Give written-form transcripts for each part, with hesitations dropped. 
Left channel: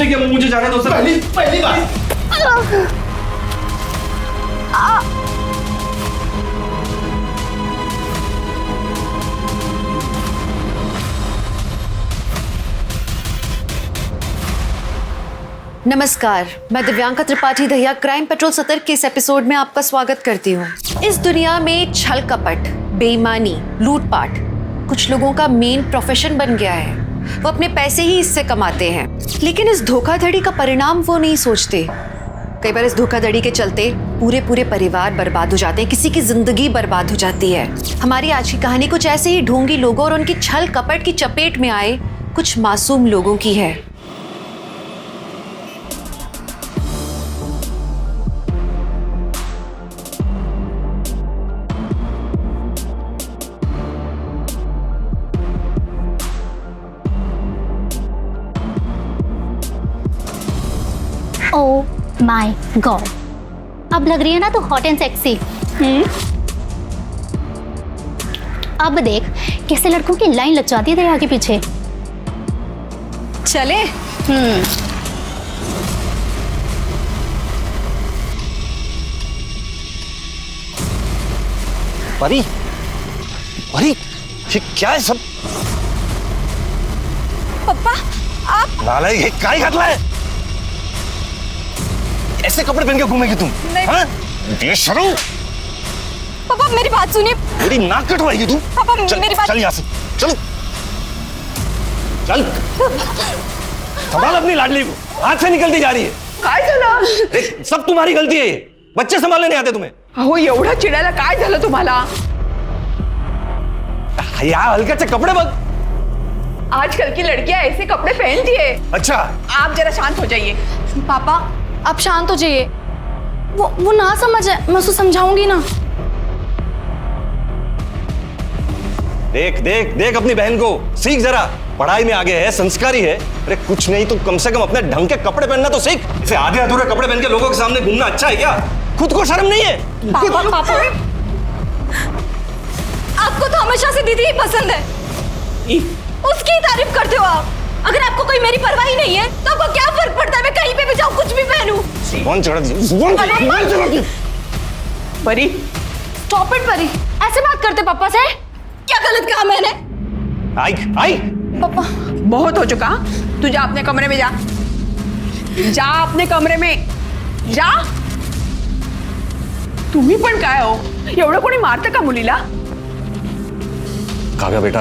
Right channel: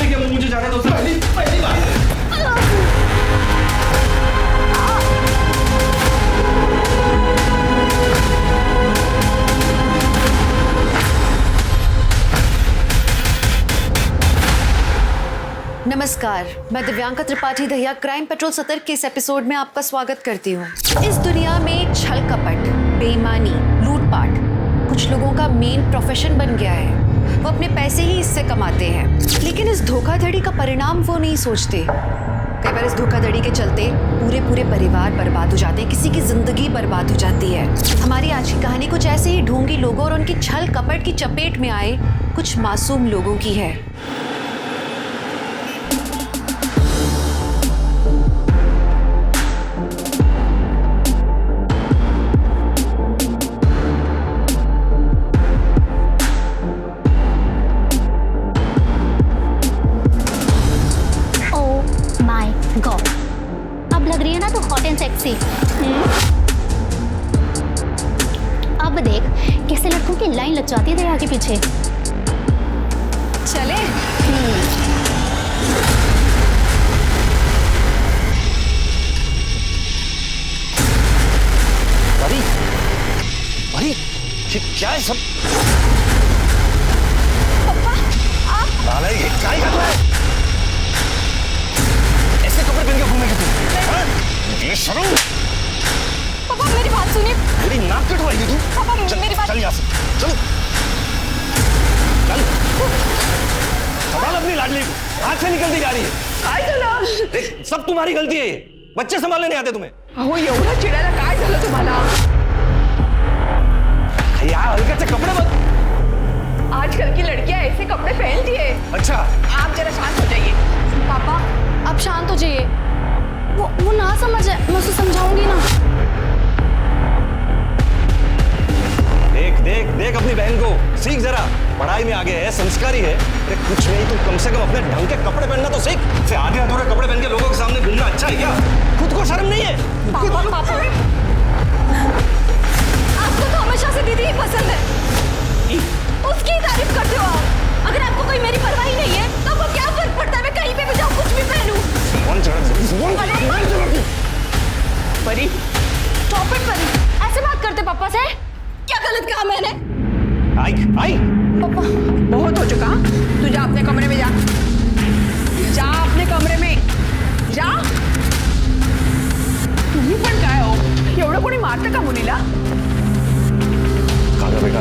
नहीं किया, मुझे जाने दो सर। पहली बार। नमस्कार, मैं दिव्यांका त्रिपाठी दहिया क्राइम पेट्रोल सतर्क के इस एपिसोड में आपका स्वागत करती हूँ। इस दुनिया में छल कपट, बेईमानी, लूटपाट कुछ लोगों का मेन प्रोफेशन बन गया है। वो अपने पैसे ही इससे कमाते हैं, लेकिन इस धोखाधड़ी का परिणाम वो नहीं सोचते। कई बार इस धोखाधड़ी के चलते पूरे पूरे परिवार बर्बाद हो जाते हैं, किसी की जिंदगी बर्बाद हो जाती है। हमारी आज की कहानी कुछ ऐसे ही ढोंगी लोगों और उनकी छल कपट की चपेट में आए कुछ मासूम लोगों की है। ओह माय गॉड, अब लग रही है ना तो हॉट एंड सेक्सी। अब देख कैसे लड़कों की लाइन लग जाती है दरिया के पीछे। चले। परी, परी, ये क्या है सब? पापा आप नालायक, ये क्या ही करला है? ऐसे कपड़े पहन के घूमेगी तुम? हाँ? बेशर्म! पापा मेरी बात सुनिए। मेरी नाक कटवाएगी तू? पापा चल, मेरी बात। चल यहाँ से, चलो, चल। संभाल अपनी लाडली को, हाथ से निकलती जा रही है। काय झालं? देख, सब तुम्हारी गलती है ये। बच्चे संभालने नहीं आते तुम्हें। अहो एवढा चिडायला काय झालं तुम्हाला? यार हल्के से कपड़े बघ। आजकल की लड़कियां ऐसे कपड़े पहनती है। अच्छा, आप जरा शांत हो जाइए। पापा आप शांत हो जाइए। वो ना समझ है, मैं उसको समझाऊंगी ना। देख देख देख अपनी बहन को, सीख जरा। पढ़ाई में आगे है, संस्कारी है। अरे कुछ नहीं तो कम से कम अपने ढंग के कपड़े पहनना तो सीख। इसे आधे अधूरे कपड़े पहन के लोगों के सामने घूमना अच्छा है क्या? खुद को शर्म नहीं है? पापा पापा आपको तो हमेशा से दीदी ही पसंद है, उसकी ही तारीफ करते हो आप। अगर आपको कोई मेरी परवाह ही नहीं है तो आपको क्या फर्क पड़ता है मैं कहीं पे भी जाऊं, कुछ भी पहनूं? कौन चढ़ा? परी स्टॉप इट परी, ऐसे बात करते पापा से? क्या गलत कहा मैंने? आई आई पापा बहुत हो चुका। तू जा अपने कमरे में, जा जा अपने कमरे में जा। तुम्ही पण काय हो, एवढं कोणी मारतं का मुलीला? काव्या बेटा,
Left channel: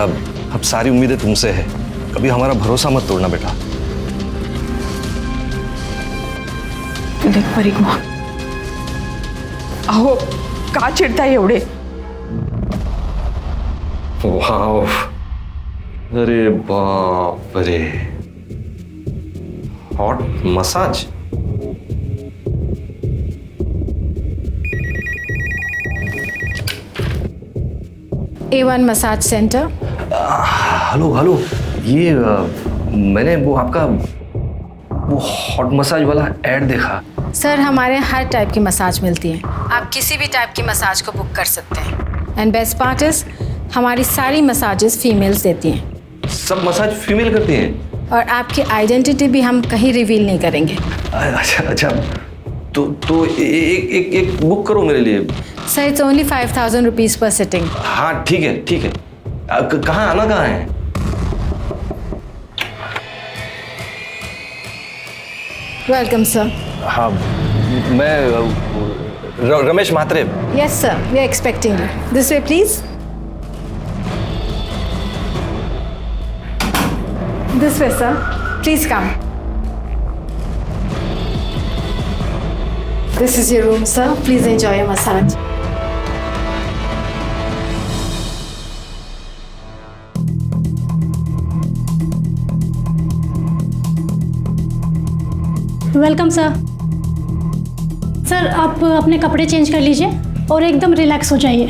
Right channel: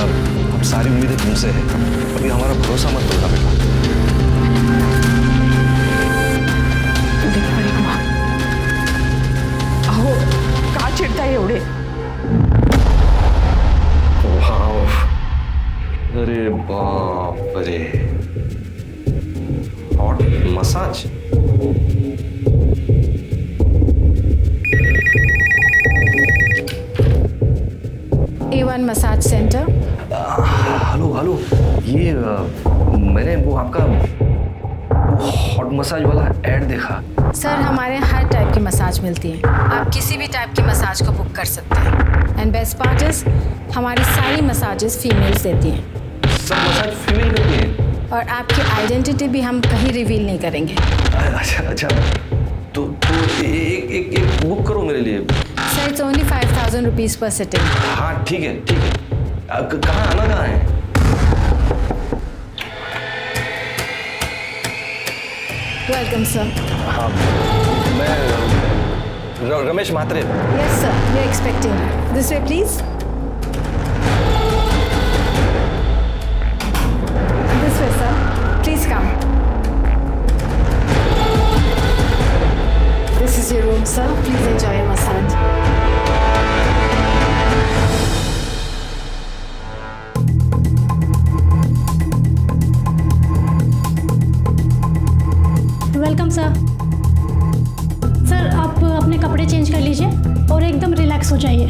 अब सारी उम्मीदें तुमसे है, कभी हमारा भरोसा मत तोड़ना बेटा। तू देख परी को, अहो का चिडताय एवढे? वाव, अरे बाप रे, hot massage. A1 massage centre. Hello hello, ये मैंने वो आपका वो हॉट मसाज वाला ऐड देखा। सर हमारे यहाँ हर टाइप की मसाज मिलती है, आप किसी भी टाइप की मसाज को बुक कर सकते हैं। एंड बेस्ट पार्ट इज हमारी सारी मसाजेस फीमेल्स देती हैं। सब मसाज फीमेल करती हैं? और आपकी आइडेंटिटी भी हम कहीं रिवील नहीं करेंगे। अच्छा अच्छा, तो एक बुक करो मेरे लिए। Sir it's only 5000 rupees per sitting. हाँ ठीक है ठीक है। कहाँ आना, कहाँ है? Welcome sir. हाँ, मैं Ramesh Mhatre. Yes sir, we are expecting you. This way please. This way sir, please come. This is your room, sir. Please enjoy your massage. Welcome sir. Sir आप अपने कपड़े चेंज कर लीजिए और एकदम रिलैक्स हो जाइए।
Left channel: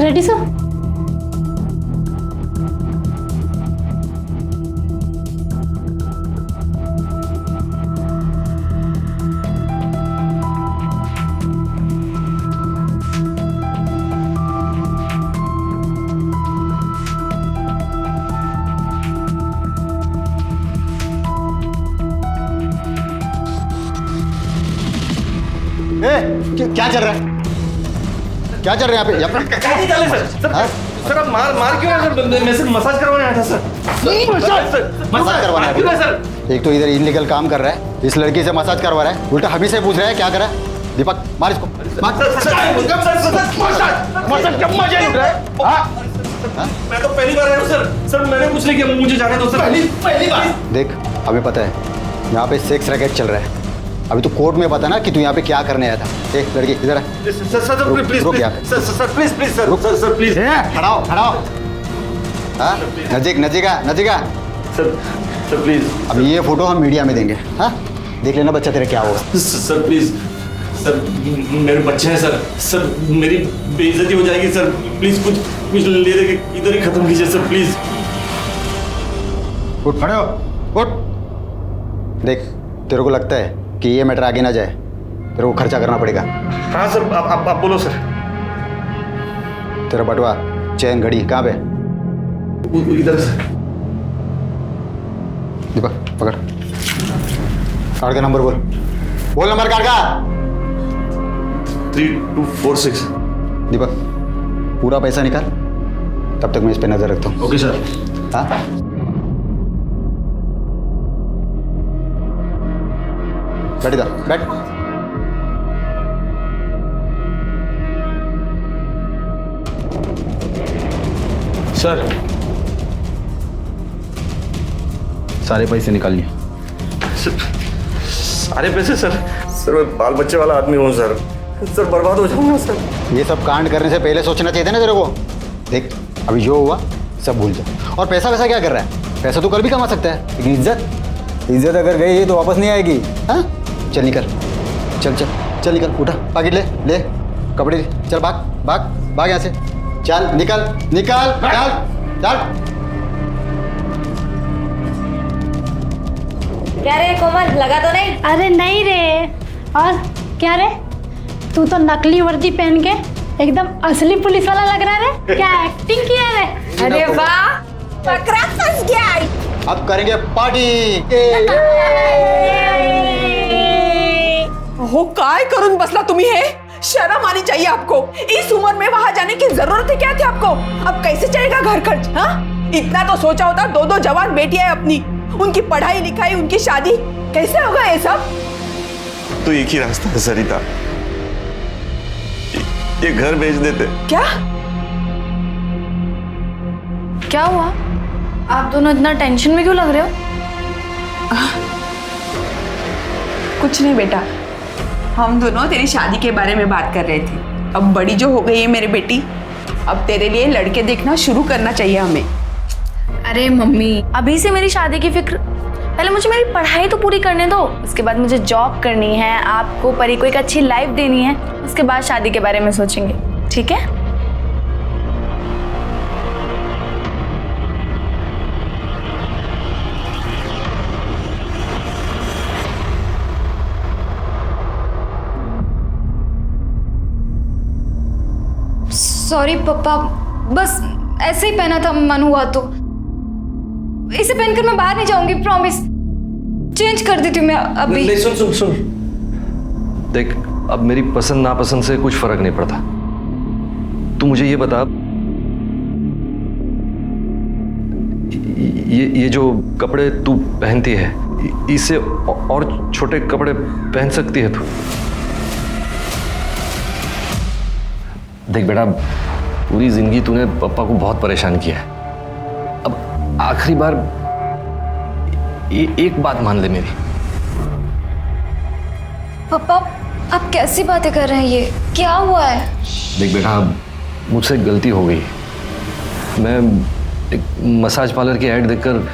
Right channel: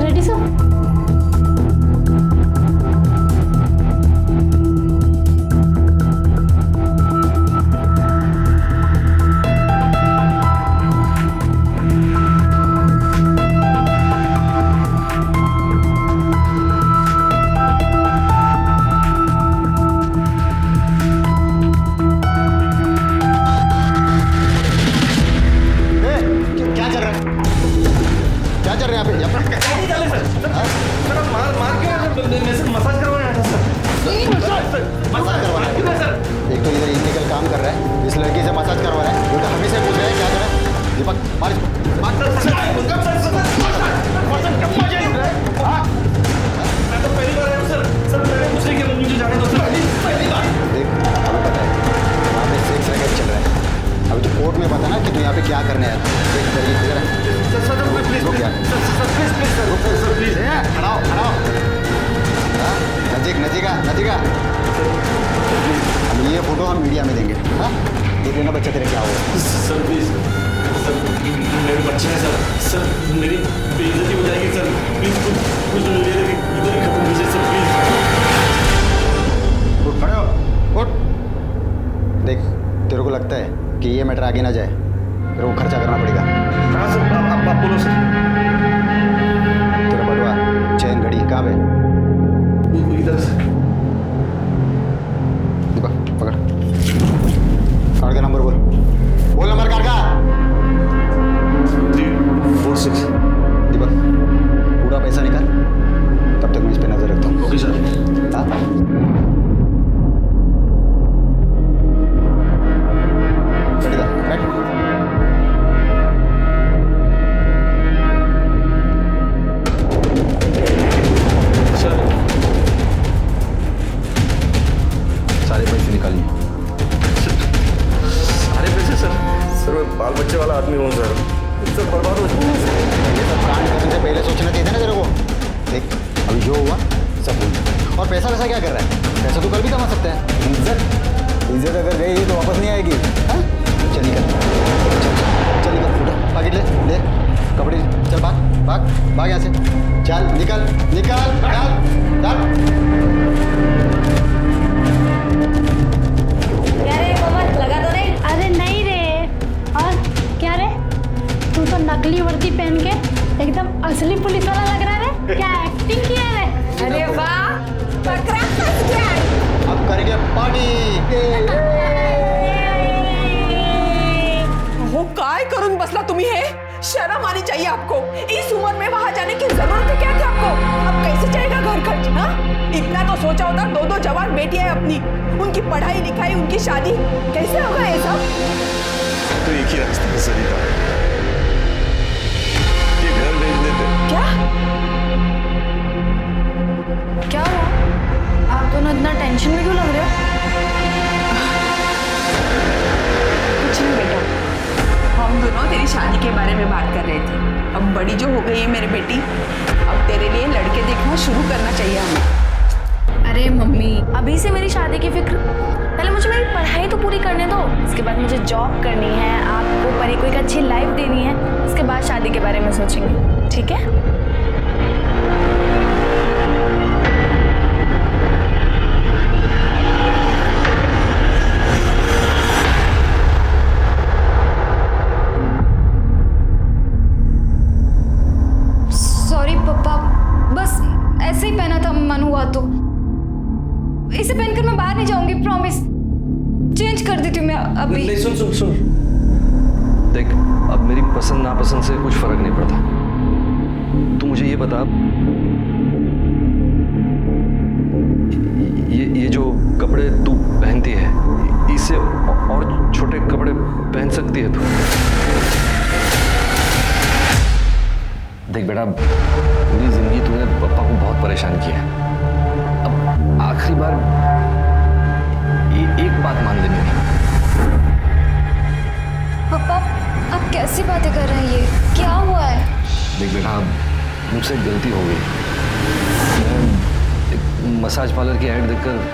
Ready sir? क्या चल रहा है? क्या चल रहा है यहाँ पे? नहीं चले सर। सर आप मार क्यों है सर? मैं सिर्फ मसाज करवाने आया था सर। मसाज करवाना है? क्यों है सर? एक तो इधर इनलीगल काम कर रहा है, इस लड़की से मसाज करवा रहा है, उल्टा हमी से पूछ रहा है क्या करा। दीपक मार इसको, मार। मैं तो पहली बार आया हूँ सर। सर मैंने कुछ नहीं किया, मुझे जाने दो सर। पहली बार। देख हमें पता है यहाँ पे सेक्स रैकेट चल रहा है। अभी तो कोर्ट में पता ना कि तू यहाँ पे क्या करने आया था। एक लड़की इधर है। सर प्लीज रुक यार। Sir please sir please. खड़ाओ खड़ाओ। हाँ नजीका सर प्लीज। अब ये फोटो हम मीडिया में देंगे। हाँ देख लेना बच्चा तेरा क्या होगा। सर प्लीज सर, मेरे बच्चे हैं सर। सर मेरी बेइज्जती हो जाएगी सर। प्लीज कुछ ले दे के इधर ही खत्म कीजिए सर प्लीज। उठ खड़े हो, उठ। देख तेरे को लगता है कि ये मैटर आगे ना जाए, तेरे को खर्चा करना पड़ेगा। हाँ सर आप बोलो सर। तेरा बटुआ चैन घड़ी कहाँ पे? इधर सर। दीपक पकड़, कार्ड का नंबर बोल नंबर कार्ड का। 3246। दीपक पूरा पैसा निकाल, तब तक मैं इस पे नजर रखता हूँ। Okay sir. हाँ बैठ इधर, बैठ। सर सारे पैसे निकालिए। सारे पैसे सर? सर मैं बाल बच्चे वाला आदमी हूँ सर। सर बर्बाद हो जाऊंगा सर। ये सब कांड करने से पहले सोचना चाहिए था ना तेरे को। देख अभी जो हुआ सब भूल जाओ। और पैसा वैसा क्या कर रहा है? पैसा तो कल भी कमा सकता है, लेकिन इज्जत अगर गई तो वापस नहीं आएगी। हाँ चल निकल, चल निकल, उठा पैकेट ले कपड़े, चल भाग यहाँ से। चल निकल चल। क्या रे कोमल, लगा तो नहीं? अरे नहीं रे। और क्या रे, तू तो नकली वर्दी पहन के एकदम असली पुलिस वाला लग रहा है रे। क्या एक्टिंग किया रे? अरे वाह, पकड़ा फंस गया। अब करेंगे पार्टी। हो काय करून बसला तुम्ही हे? शर्म आनी चाहिए आपको। इस उम्र में वहां जाने की जरूरत है क्या थी आपको? अब कैसे चलेगा घर खर्च? हाँ इतना तो सोचा होता। दो जवान बेटियां है अपनी, उनकी पढ़ाई लिखाई, उनकी शादी, कैसे होगा ये सब? तो एक ही रास्ता है सरिता, ये घर बेच देते। क्या हुआ? आप दोनों इतना टेंशन में क्यों लग रहे हो? कुछ नहीं बेटा, हम दोनों तेरी शादी के बारे में बात कर रहे थे। अब बड़ी जो हो गई है मेरी बेटी, अब तेरे लिए लड़के देखना शुरू करना चाहिए हमें। अरे मम्मी, अभी से मेरी शादी की फिक्र? पहले मुझे मेरी पढ़ाई तो पूरी करने दो, उसके बाद मुझे जॉब करनी है, आपको परी को एक अच्छी लाइफ देनी है, उसके बाद शादी के बारे में सोचेंगे, ठीक है? सॉरी पापा, बस ऐसे ही पहना था, मन हुआ तो। इसे पहनकर मैं बाहर नहीं जाऊंगी, प्रॉमिस। चेंज कर देती हूँ मैं अभी। नहीं सुन देख, अब मेरी पसंद नापसंद से कुछ फर्क नहीं पड़ता। तू मुझे ये बता, ये जो कपड़े तू पहनती है, इससे और छोटे कपड़े पहन सकती है तू? देख बेटा, पूरी जिंदगी तूने पापा को बहुत परेशान किया है। अब आखिरी बार एक बात मान ले मेरी। पापा आप कैसी बातें कर रहे हैं? ये क्या हुआ है? देख बेटा, मुझसे गलती हो गई। मैं एक मसाज पार्लर की ऐड देखकर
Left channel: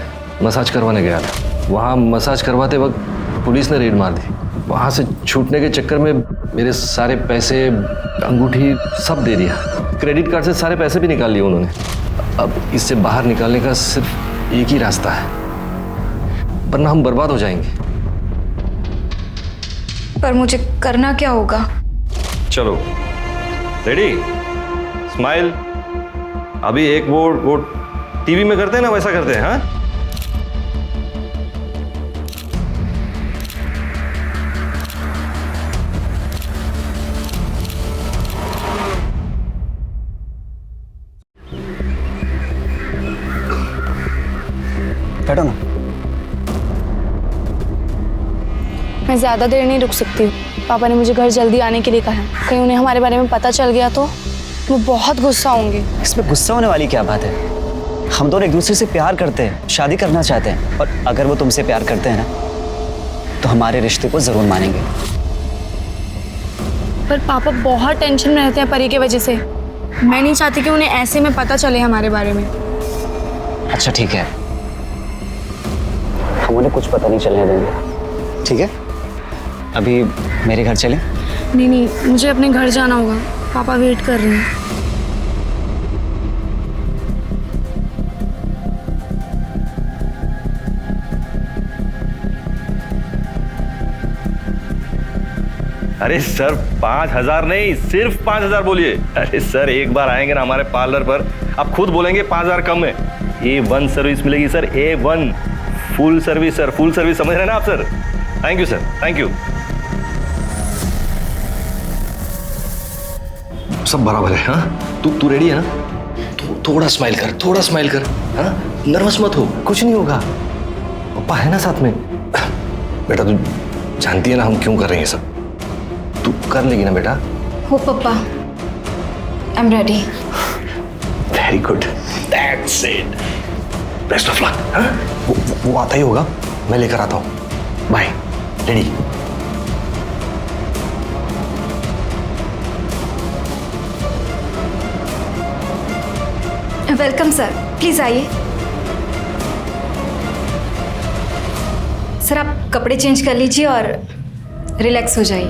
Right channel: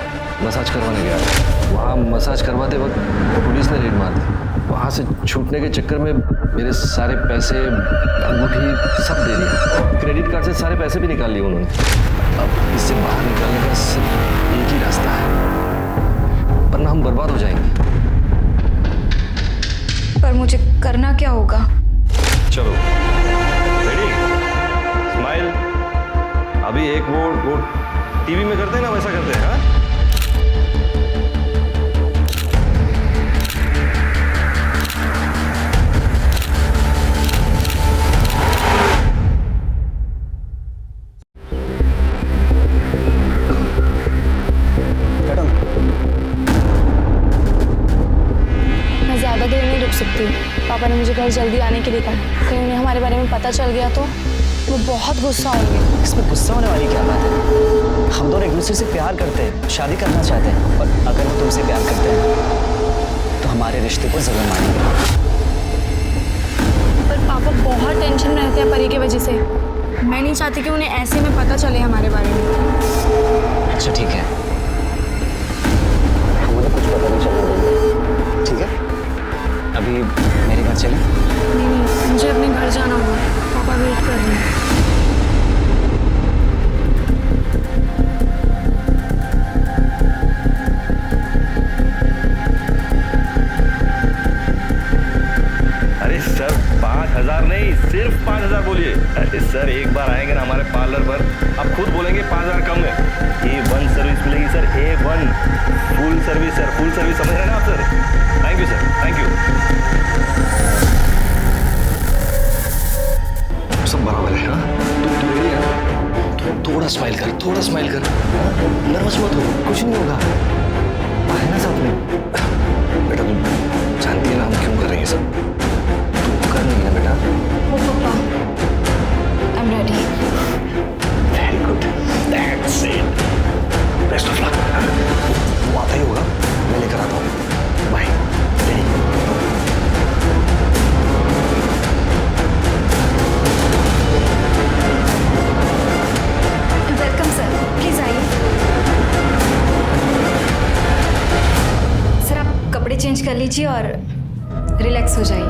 मसाज करवाने गया था। वहाँ मसाज करवाते वक्त पुलिस ने रेड मार दी। वहाँ से छूटने के चक्कर में मेरे सारे पैसे, अंगूठी सब दे दिया। क्रेडिट कार्ड से सारे पैसे भी निकाल लिए उन्होंने। अब इससे बाहर निकालने का सिर्फ एक ही रास्ता है, वरना हम बर्बाद हो जाएंगे। पर मुझे करना क्या होगा? चलो रेडी, स्माइल। अभी एक वो टीवी में करते हैं ना, वैसा करते हैं। हाँ मैं ज़्यादा देर नहीं रुक सकती। पापा ने मुझे घर जल्दी आने के लिए कहा है। कहीं उन्हें हमारे बारे में पता चल गया तो वो बहुत गुस्सा होंगे। इसमें गुस्सा होने वाली क्या बात है? हम दोनों एक दूसरे से प्यार करते हैं, शादी करना चाहते हैं, और अगर वो तुमसे प्यार करते हैं ना तो हमारे रिश्ते को जरूर मानेंगे। पर पापा बहुत टेंशन में रहते हैं परी की वजह से। मैं नहीं चाहती कि उन्हें ऐसे में पता चले हमारे बारे में। अच्छा ठीक है, हम उन्हें कुछ पता नहीं चलने देंगे, ठीक है? अभी मेरे घर चलें? नहीं, मुझे अपने घर जाना होगा। पापा वेट कर रहे हैं। अरे सर 5,000 नहीं, सिर्फ 5,000 बोलिए। अरे सर एक बार आएंगे ना हमारे पार्लर पर, आप खुद बोलेंगे 5,000 कम है। A1 सर्विस मिलेगी sir, A1 full service sir, full service समझ रहे हैं ना आप sir? Thank you sir, thank you. सब बराबर है। हाँ तू रेडी है ना? थोड़ा स्माइल कर, थोड़ा स्माइल कर। हाँ नर्वस मत हो, कुछ नहीं होगा। पापा है ना साथ में। बेटा तू जानती है ना हम क्यों कर रहे हैं सब, तू कर लेगी ना बेटा? हो पापा, I am ready. Very good, that's it, best of luck. हाँ वो आता ही होगा, मैं लेकर आता हूँ। Bye, ready? Welcome sir, please आइए। सर आप कपड़े चेंज कर लीजिए और रिलैक्स हो जाइए।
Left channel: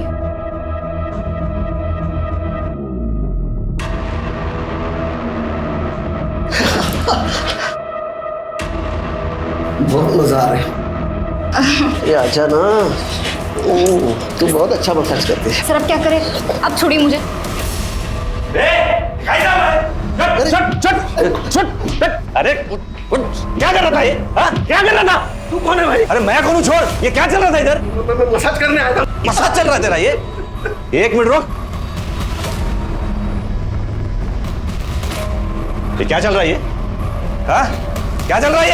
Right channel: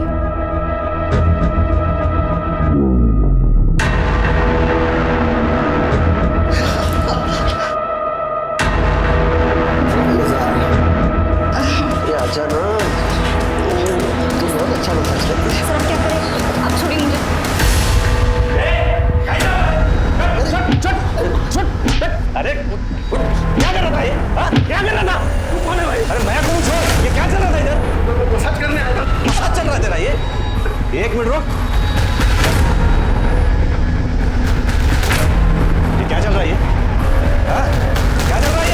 बहुत मजा आ रहा है। ये आजा ना, तू बहुत अच्छा मसाज करती है। सर अब क्या करें, अब छोड़िए मुझे। अरे क्या कर रहा था ये? क्या कर रहा था? तू कौन है भाई? अरे मैं कौन हूँ? छोड़, ये क्या चल रहा था इधर? मैं मसाज करने आया था। मसाज चल रहा है तेरा ये? एक मिनट रुक, ये क्या चल रहा है ये? क्या चल रहा है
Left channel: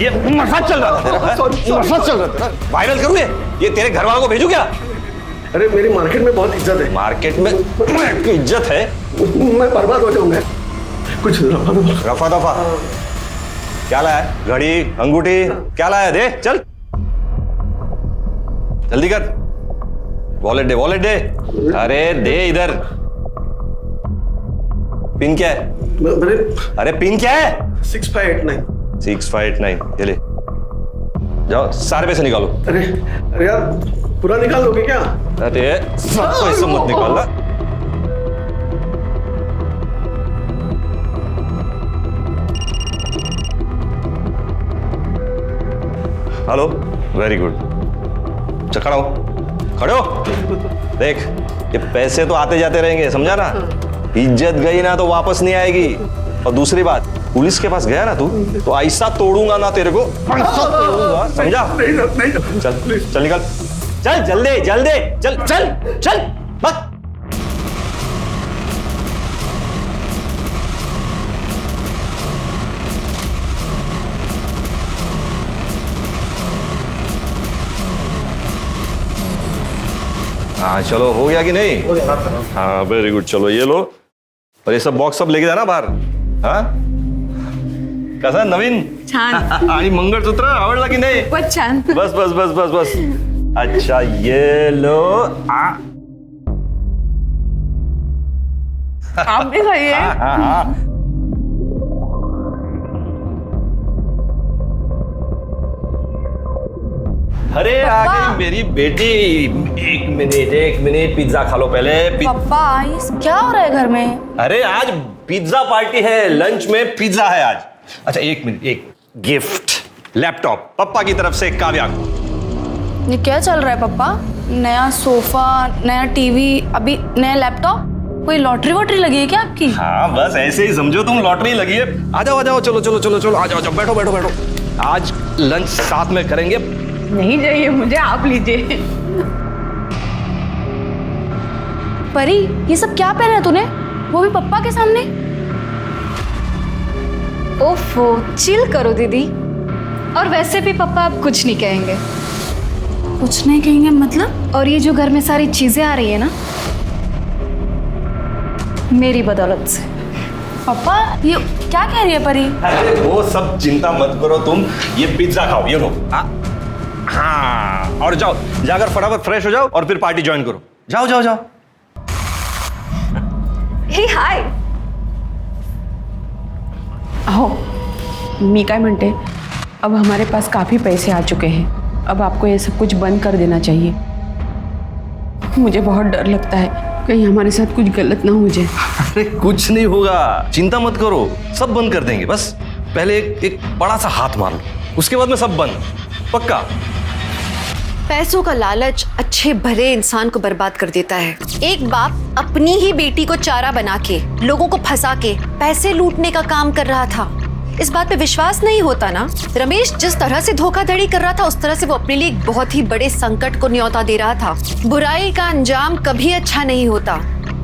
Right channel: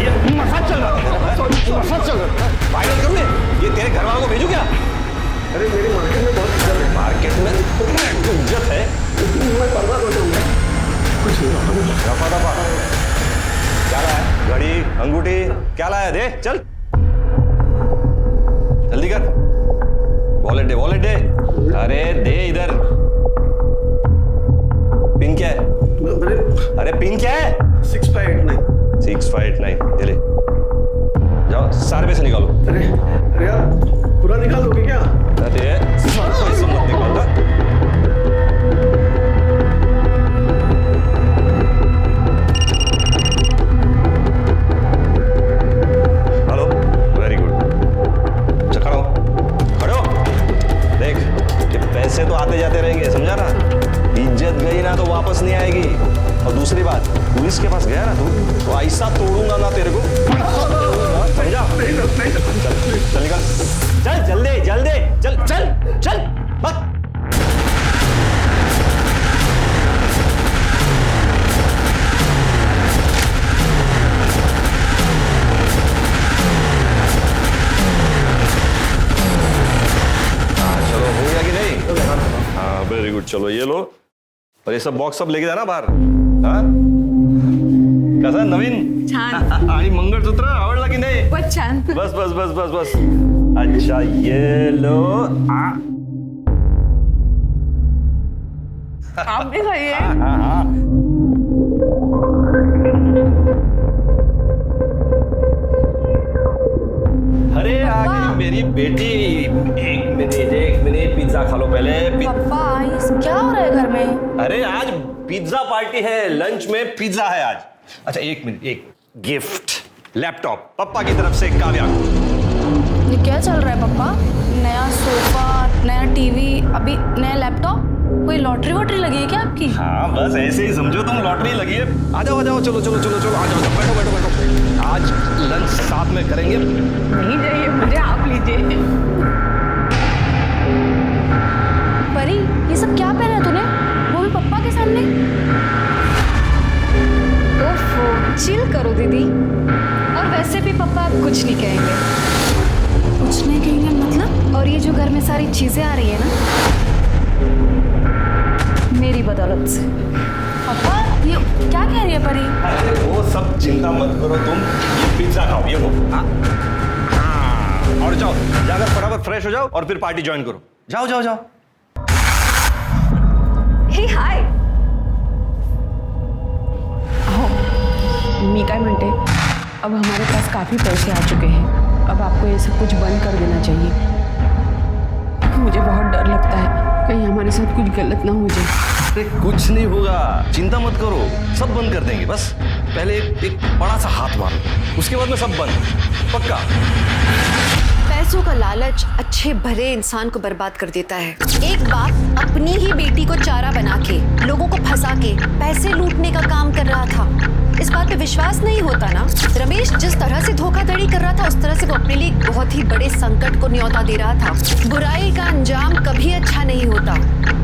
ये मसाज चल रहा था तेरा? मसाज चल रहा था, वायरल करूँ ये तेरे घर वालों को भेजू क्या? अरे मेरी मार्केट में बहुत इज्जत है। मार्केट में इज्जत है? मैं बर्बाद हो जाऊंगा। कुछ रफा दफा क्या लाया? घड़ी, अंगूठी क्या लाया? दे चल, जल्दी कर। वॉलेट दे, वॉलेट दे। अरे दे इधर। पिन क्या है? अरे पिन क्या है? 6589। 6589, ये ले जाओ, सारे पैसे निकालो। अरे यार पूरा निकाल दोगे क्या? अरे सब पैसे मत निकालना। Hello, very good. अच्छा खड़ा हो, खड़े हो। देख ये पैसे तो आते जाते रहेंगे, समझा ना? इज्जत गई ना तो वापस नहीं आएगी। और दूसरी बात, पुलिस के पास गया ना तू तो ऐसा तोड़ूंगा ना तेरे को, ऐसा तोड़ूंगा, समझा? चल चल निकल, चल जल्दी जल्दी, चल चल चल बस। हाँ चलो, हो गया कि नहीं? हाँ वेरी गुड, चलो ये लो। और ये सब बॉक्स सब लेके जाना बाहर। हाँ कसा नवीन? छान। आणि मंगळसूत्र आवडला की नाही? बहुत छान। बस बस बस बस बस। अच्छा ये लो। आप भी खाइए। हाँ। अरे आ गई मेरी बेटी। एक मिनट पिज्जा खा लो पहले। पापा ये क्या हो रहा है घर में? अरे आज पिज्जा पार्टी है, लंच में पिज्जा है आज। अच्छा एक मिनट, एक गिफ्ट, लैपटॉप पप्पा की तरफ से काव्या को। ये क्या चल रहा है पापा? नया सोफा, नया टीवी, अभी नया लैपटॉप? कोई लॉटरी वॉटरी लगी है क्या आपकी? हाँ बस ऐसे ही समझो तुम, लॉटरी लगी है। आ जाओ चलो चलो चलो चलो, आ जाओ, बैठो बैठो बैठो। आज लंच साथ में करेंगे। नहीं चाहिए मुझे, आप लीजिए। परी ये सब क्या पहना है तूने, वो भी पप्पा के सामने? ओफो चिल करो दीदी, और वैसे भी पापा आप कुछ नहीं कहेंगे। कुछ नहीं कहेंगे मतलब? और ये जो घर में सारी चीजें आ रही है ना, मेरी बदौलत से। पापा ये क्या कह रही है परी? अरे वो सब चिंता मत करो तुम, ये पिज्जा खाओ, ये लो। हाँ, और जाओ जाकर फटाफट फ्रेश हो जाओ और फिर पार्टी ज्वाइन करो। जाओ जाओ जाओ। हे हाय। हो, मी काय म्हणते, अब हमारे पास काफी पैसे आ चुके हैं, अब आपको ये सब कुछ बंद कर देना चाहिए। मुझे बहुत डर लगता है कहीं हमारे साथ कुछ गलत ना हो जाए। अरे कुछ नहीं होगा, चिंता मत करो, सब बंद कर देंगे। बस पहले एक बड़ा सा हाथ मार लो, उसके बाद में सब बंद, पक्का। पैसों का लालच अच्छे भले इंसान को बर्बाद कर देता है। एक बाप अपनी ही बेटी को चारा बना के, लोगों को फंसा के पैसे लूटने का काम कर रहा था। इस बात पे विश्वास नहीं होता ना? रमेश जिस तरह से धोखाधड़ी कर रहा था, उस तरह से वो अपने लिए एक बहुत ही बड़े संकट को न्योता दे रहा था। बुराई का अंजाम कभी अच्छा नहीं होता।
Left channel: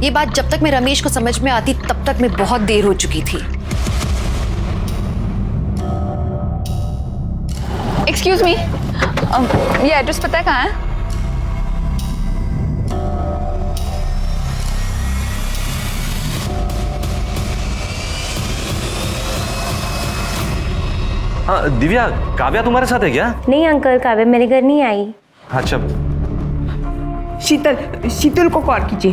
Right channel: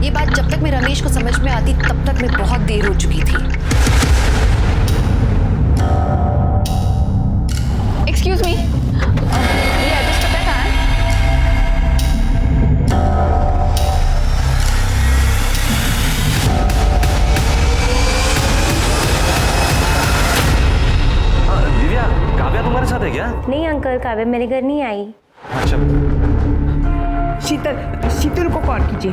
ये बात जब तक मैं रमेश को समझ में आती, तब तक मैं बहुत देर हो चुकी थी। एक्सक्यूज मी, ये एड्रेस पता है कहाँ है? हाँ दिव्या, काव्या तुम्हारे साथ है क्या? नहीं अंकल, काव्या मेरे घर नहीं आई। अच्छा। शीतल को कॉल कीजिए।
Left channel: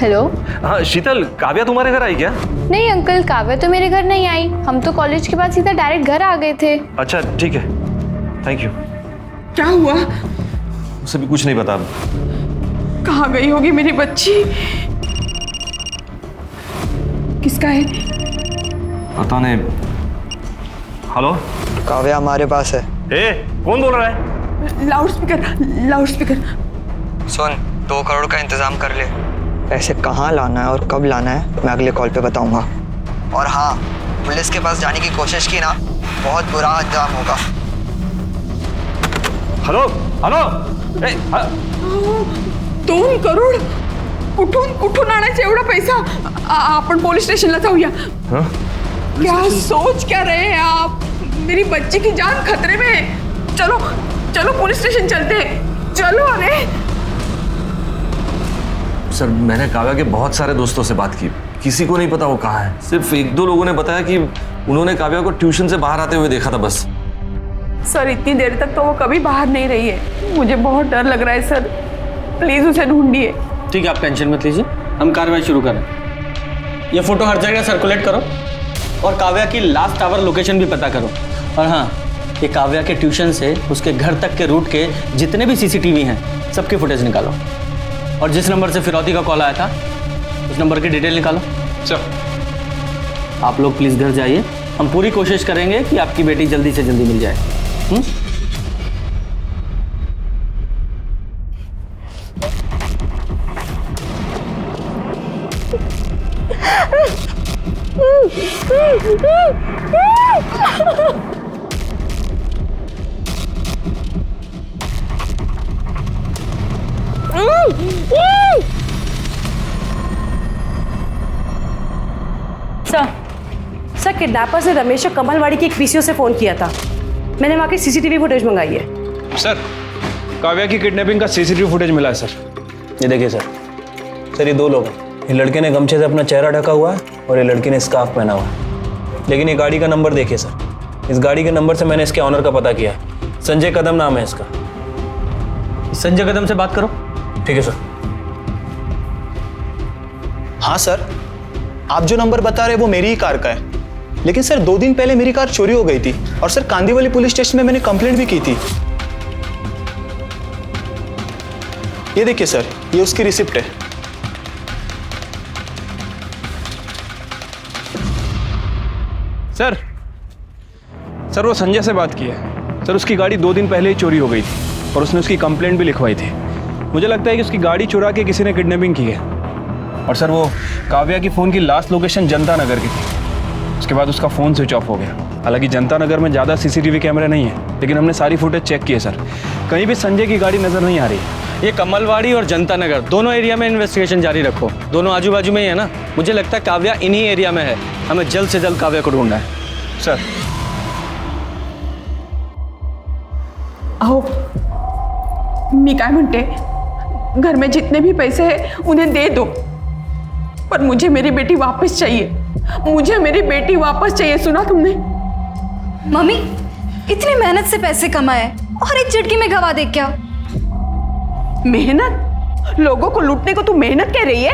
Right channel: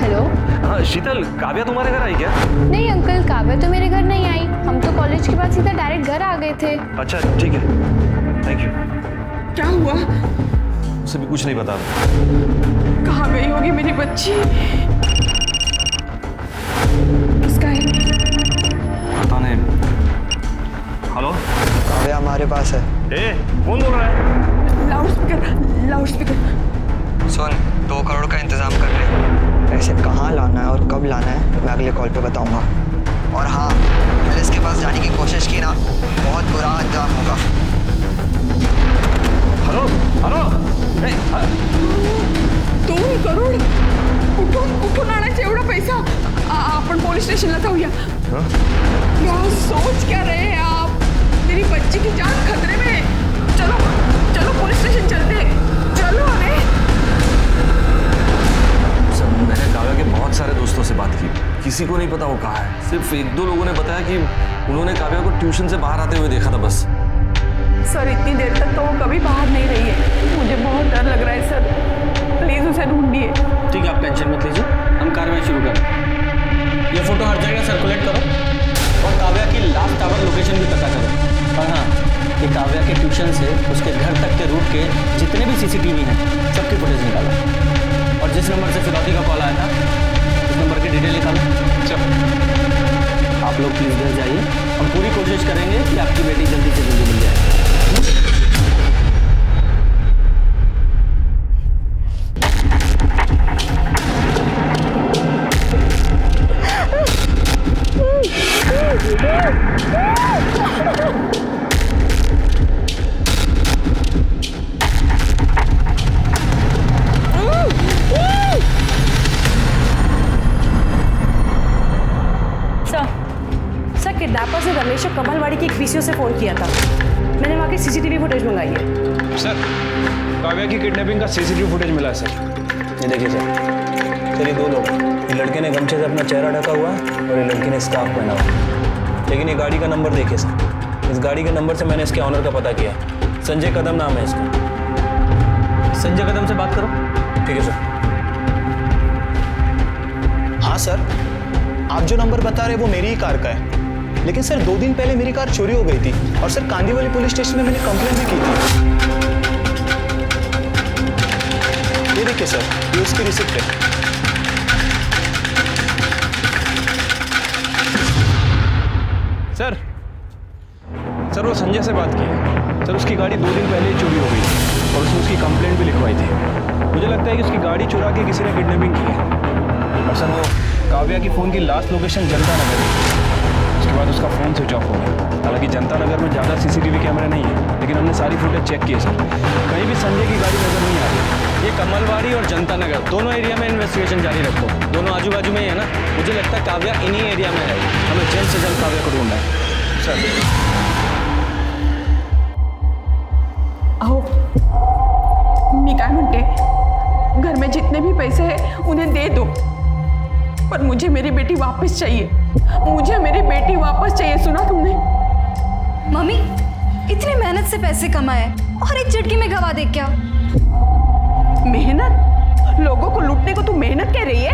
हेलो। हाँ शीतल, काव्या तुम्हारे घर आई क्या? नहीं अंकल, काव्या तो मेरे घर नहीं आई। हम तो कॉलेज के बाद सीधा डायरेक्ट घर आ गए थे। अच्छा ठीक है, थैंक यू। क्या हुआ? उसे भी कुछ नहीं बता। कहाँ गई होगी मेरी बच्ची? किसका है? पता नहीं। हेलो, काव्या हमारे पास है। ए, कौन बोल रहा है? लाउडस्पीकर। सुन, 2 करोड़ का इंतजाम कर ले। पैसे कहाँ लाना है और कब लाना है मैं अगले कॉल पे बताऊंगा। और हाँ, पुलिस के पास जाने की कोशिश की ना, बहुत बुरा अंजाम होगा। हेलो हेलो, 2 करोड कुठून आणायचं एवढा पैसा? आपण पोलीस स्टेशनला जाऊया। क्या सोच क्या रहे हैं आप? मेरी बच्ची की जान खतरे में है। चलो चलो पुलिस स्टेशन चलते हैं, चलो। अरे सर, मैंने काव्या के बहुत सारे दोस्तों से बात की, किसी को नहीं पता वो कहाँ है। सिर्फ 1-2 लोगों ने बताया कि उन्होंने काव्या को ट्यूशन से बाहर आते हुए देखा था बस। सर, इतनी देर तक तो वो कभी बाहर नहीं रही है। मुझे बहुत डर लग रहा है सर, प्लीज उसे ढूंढिए। ठीक है, आप टेंशन मत लीजिए, हम कार्रवाई शुरू करें। ये फोटो हर जगह सर्कुलेट करो और काव्या की लास्ट आवर लोकेशन भी पता करो। और हाँ, ये काव्या के ट्यूशन से उसके घर तक के रूट के जितने भी सीसीटीवी हैं, सबकी फुटेज निकालो। और जिस नंबर से फिरौती का कॉल आया था, उस नंबर की डिटेल निकालो। चलो, आप लोग प्लीज़ घर जाइए। हम पूरी कोशिश करेंगे कि आपकी बेटी जल्दी से जल्दी मिल जाए। सर, किडनैपर्स ने रमेश और कमलवाड़ी की एक पीसीओ से फोन किया था। मैंने वहाँ की सीसीटीवी फुटेज मंगाई है। सर, काव्या की किडनैपिंग का सीसीटीवी फुटेज मिला है सर। ये देखिए सर, ये 2 लोग हैं। ये लड़के ने गमछे से अपना चेहरा ढका हुआ है और ये लड़की ने स्कार्फ पहना हुआ है। लेकिन ये गाड़ी का नंबर देखिए सर, इस गाड़ी के नंबर से मैंने इसके ऑनर का पता किया है। संजय कदम नाम है इसका। संजय कदम से बात करो। ठीक है सर। हाँ सर, आप जो नंबर बता रहे हैं वो मेरी ही कार का है। लेकिन सर 2 दिन पहले मेरी कार चोरी हो गई थी और सर कांदीवली पुलिस स्टेशन में मैंने कंप्लेंट भी की थी। ये देखिए सर, ये उसकी रिसिप्ट है। सर वो संजय से बात की है। सर उसकी गाड़ी 2 दिन पहले ही चोरी हो गई थी और उसने उसकी कंप्लेंट भी लिखवाई थी। मुझे लगता है कि उसकी गाड़ी चुरा के किसी ने किडनैपिंग की है। और सर वो काव्या की फ़ोन की लास्ट लोकेशन जनता नगर की थी। उसके बाद उसका फ़ोन स्विच ऑफ हो गया। हालांकि जनता नगर में ज़्यादा सीसीटीवी कैमरे नहीं है, लेकिन हमने सारी फुटेज चेक की है सर, कहीं भी संजय की गाड़ी नज़र नहीं आ रही है। ये कमलवाड़ी और जनता नगर दोनों एरिया में इन्वेस्टिगेशन जारी रखो। दोनों आजू बाजू में ही है ना। मुझे लगता है काव्या इन्हीं एरिया में है। हमें जल्द से जल्द काव्या को ढूंढना है। सर मी काय म्हणते, घर में जितने भी पैसे हैं उन्हें दे दो, पर मुझे मेरी बेटी वापस चाहिए। मुझे मेरी बेटी वापस चाहिए, सुना तुमने? मम्मी इतनी मेहनत से पैसे कमाए और एक झटके में गवा दे क्या? मेहनत? लोगों को लूटने को तू मेहनत कह रही है?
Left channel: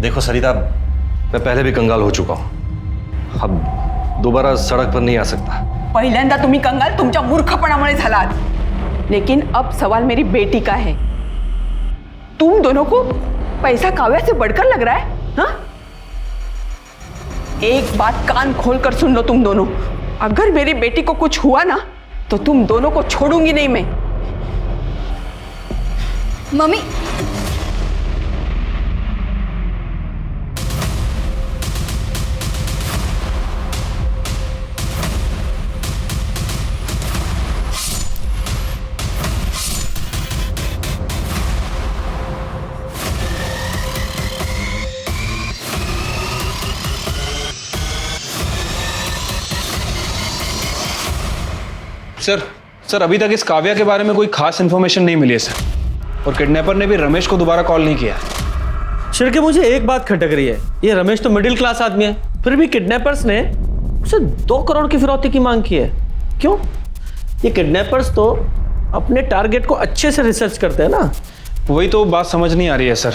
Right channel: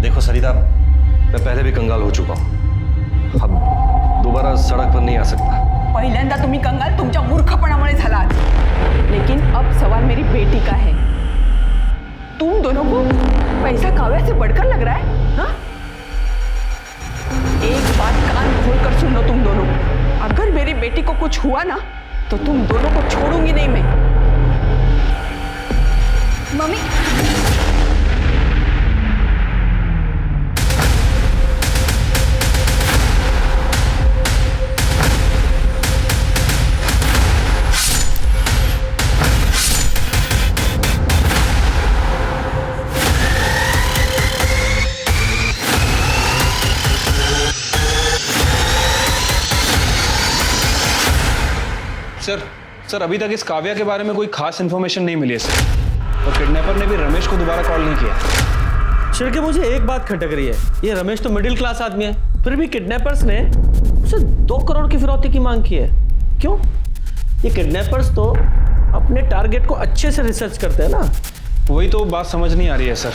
देखो सरिता, मैं पहले भी कंगाल हो चुका हूँ, अब दोबारा सड़क पर नहीं आ सकता। पहिल्यांदा तुम्ही कंगाल तुमच्या मूर्खपणामुळे झालात, लेकिन अब सवाल मेरी बेटी का है। तुम दोनों को पैसा काव्या से बढ़कर लग रहा है? हाँ? एक बात कान खोलकर सुन लो तुम दोनों, अगर मेरी बेटी को कुछ हुआ ना तो तुम दोनों को छोड़ूंगी नहीं मैं। मम्मी सर अभी तक इस काव्या के बारे में कोई खास इन्फॉर्मेशन नहीं मिली है सर, और किडनैपर ने भी रमेश को दोबारा कॉल नहीं किया। शिर्के, मुझे एक बात खटक रही है, ये रमेश तो मिडिल क्लास आदमी है, फिर भी किडनैपर्स ने उसे 2 करोड़ की फिरौती की मांग की है। क्यों? ये किडनैपर्स तो अपने टारगेट को अच्छे से रिसर्च करते हैं ना। वही तो बात समझ नहीं आ रही है सर।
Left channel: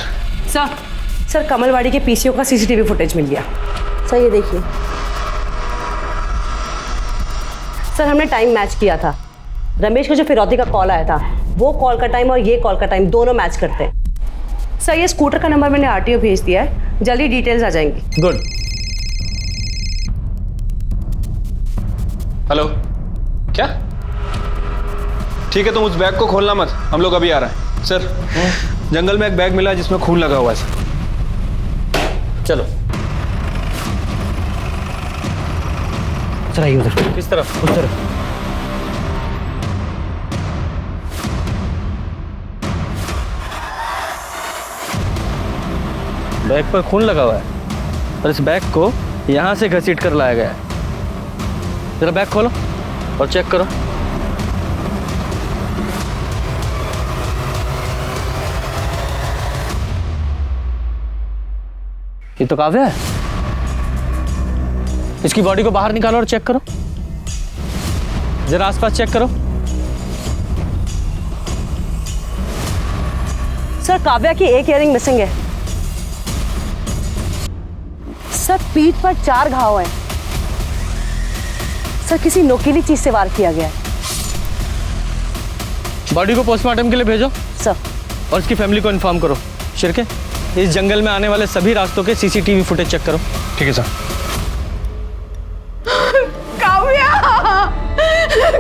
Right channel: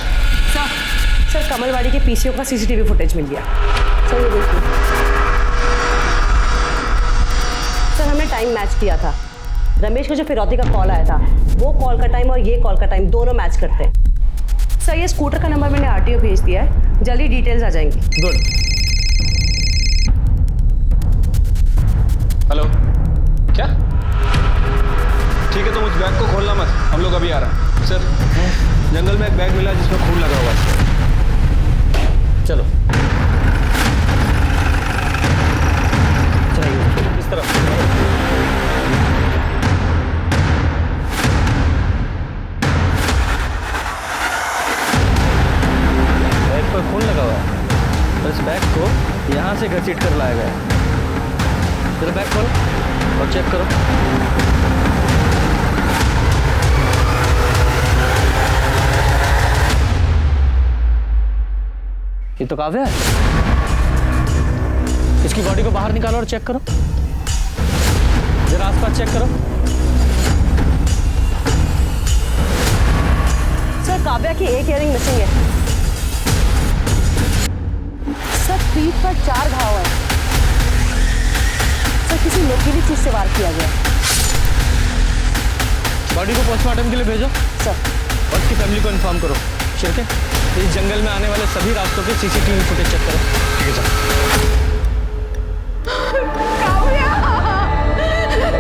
सर कमलवाड़ी के पीसीओ का सीसीटीवी फुटेज मिल गया। सर ये देखिए, सर हमने टाइम मैच किया था। रमेश को जो फिरौती का कॉल आया था, वो कॉल का टाइम और ये कॉल का टाइम दोनों मैच करते हैं। सर ये स्कूटर का नंबर मैंने आरटीओ भेज दिया है, जल्दी डिटेल्स आ जाएंगी। गुड। हेलो, क्या? ठीक है, तुम उस बैग को खोलना मत, हम लोग अभी आ रहे हैं। सर, जंगल में एक बैग मिला जिसमें खून लगा हुआ है। चलो चलाइए उधर। किस तरफ? बैग पर खून लगा हुआ है और इस बैग को यहाँ से घसीट कर लाया गया है। जरा बैग खोलो और चेक करो। ये तो काव्या है। इसकी बॉडी को बाहर निकालो और चेक करो, जरा आसपास चेक करो। सर काव्या की एक इयरिंग मिसिंग है। सर पीठ पर 4 घाव हैं। सर किसी नोकीली चीज से वार किया गया है। बॉडी को पोस्टमार्टम के लिए भेजो सर, और इसकी फैमिली को इन्फॉर्म करो। शिर्के, इस जंगल में आने वाले सभी रास्तों के सीसीटीवी फुटेज चेक करो। ठीक है सर।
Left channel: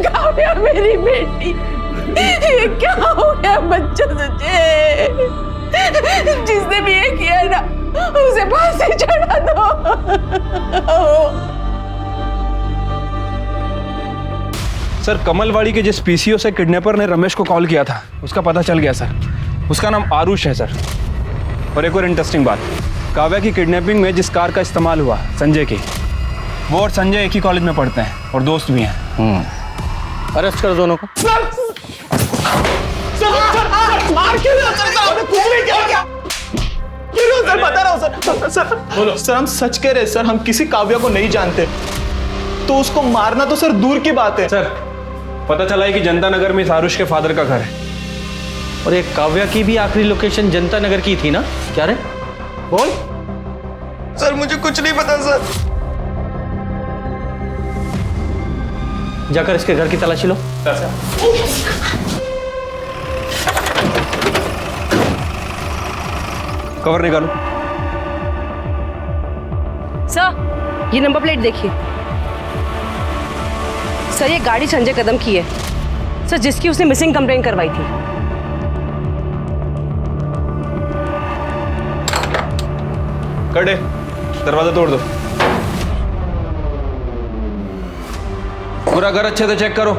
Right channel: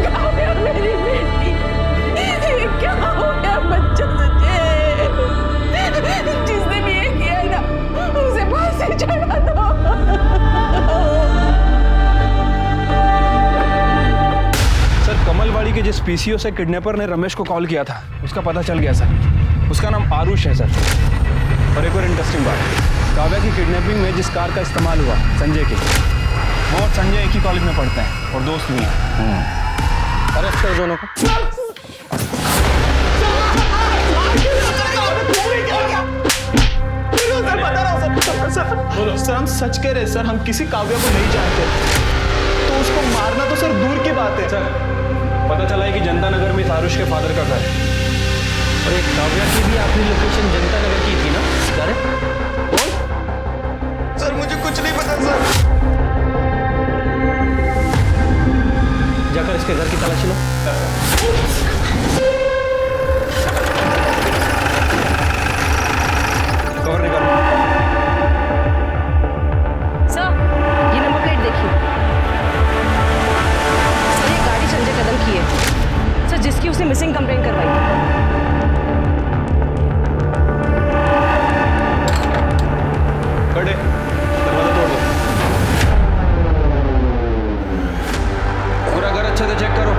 काव्या मेरी बेटी, ये क्या हो गया बच्चा तुझे? जिसने भी ये किया ना उसे फांसी चढ़ा दो। सर कमलवाड़ी के जिस पीसीओ से किडनैपर ने रमेश को कॉल किया था उसका पता चल गया सर। उसका नाम आरुष है सर। और एक और इंटरेस्टिंग बात, काव्या की किडनैपिंग में जिस कार का इस्तेमाल हुआ संजय की, वो और संजय एक ही कॉलेज में पढ़ते हैं और दोस्त भी हैं। अरेस्ट करो दोनों को। सर बता रहा हूँ सर हम सच कह रहे हैं सर, हम किसी काव्या को नहीं जानते, तो उसको मारना तो सर दूर की बात है। सर पता चला है कि जनता नगर में इस आरुष के फादर का घर है। और एक काव्या की भी आखिरी लोकेशन जनता नगर की थी ना? क्या रे बोल। सर मुझे कुछ नहीं पता सर। जाकर इसके घर की तलाशी लो। कवर निकालो। सर ये नंबर प्लेट देखिए। सर ये गाड़ी संजय कदम की है सर, जिसकी उसने मिसिंग कंप्लेंट करवाई थी। कड़े, दरवाजा तोड़ दो। पूरा घर अच्छे से चेक करो।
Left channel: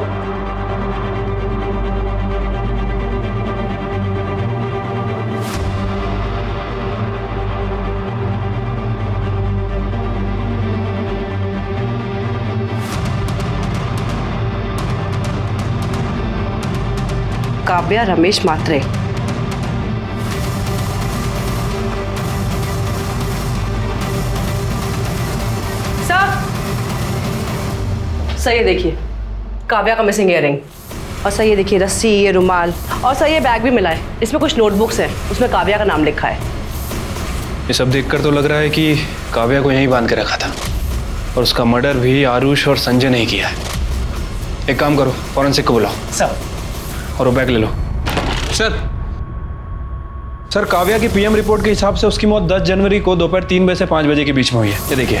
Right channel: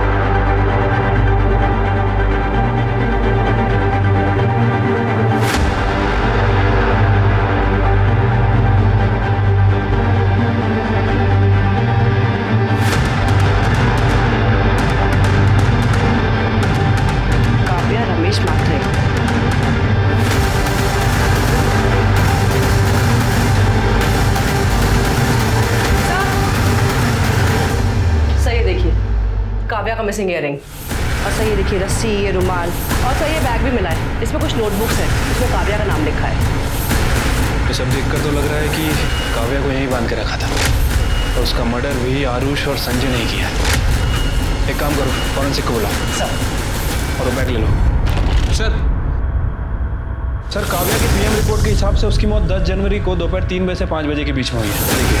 काव्या रमेश मात्रे। सर ये देखिए काव्या का मिसिंग इयररिंग, और सर ये देखिए रस्सी, ये रुमाल, और सर ये बैग भी मिला है। इसमें कुछ नोटबुक्स हैं, उसमें काव्या का नाम लिखा है। ये सब देखकर तो लग रहा है कि काव्या को यहीं बांध के रखा था और उसका मर्डर भी आरुष और संजय ने किया है। एक काम करो, फॉरेंसिक को बुलाओ सर, और वो बैग ले लो। सर काव्या की पीएम रिपोर्ट के हिसाब से उसकी मौत 10 जनवरी को दोपहर 3 बजे से 5 बजे के बीच में हुई है। ये देखिए,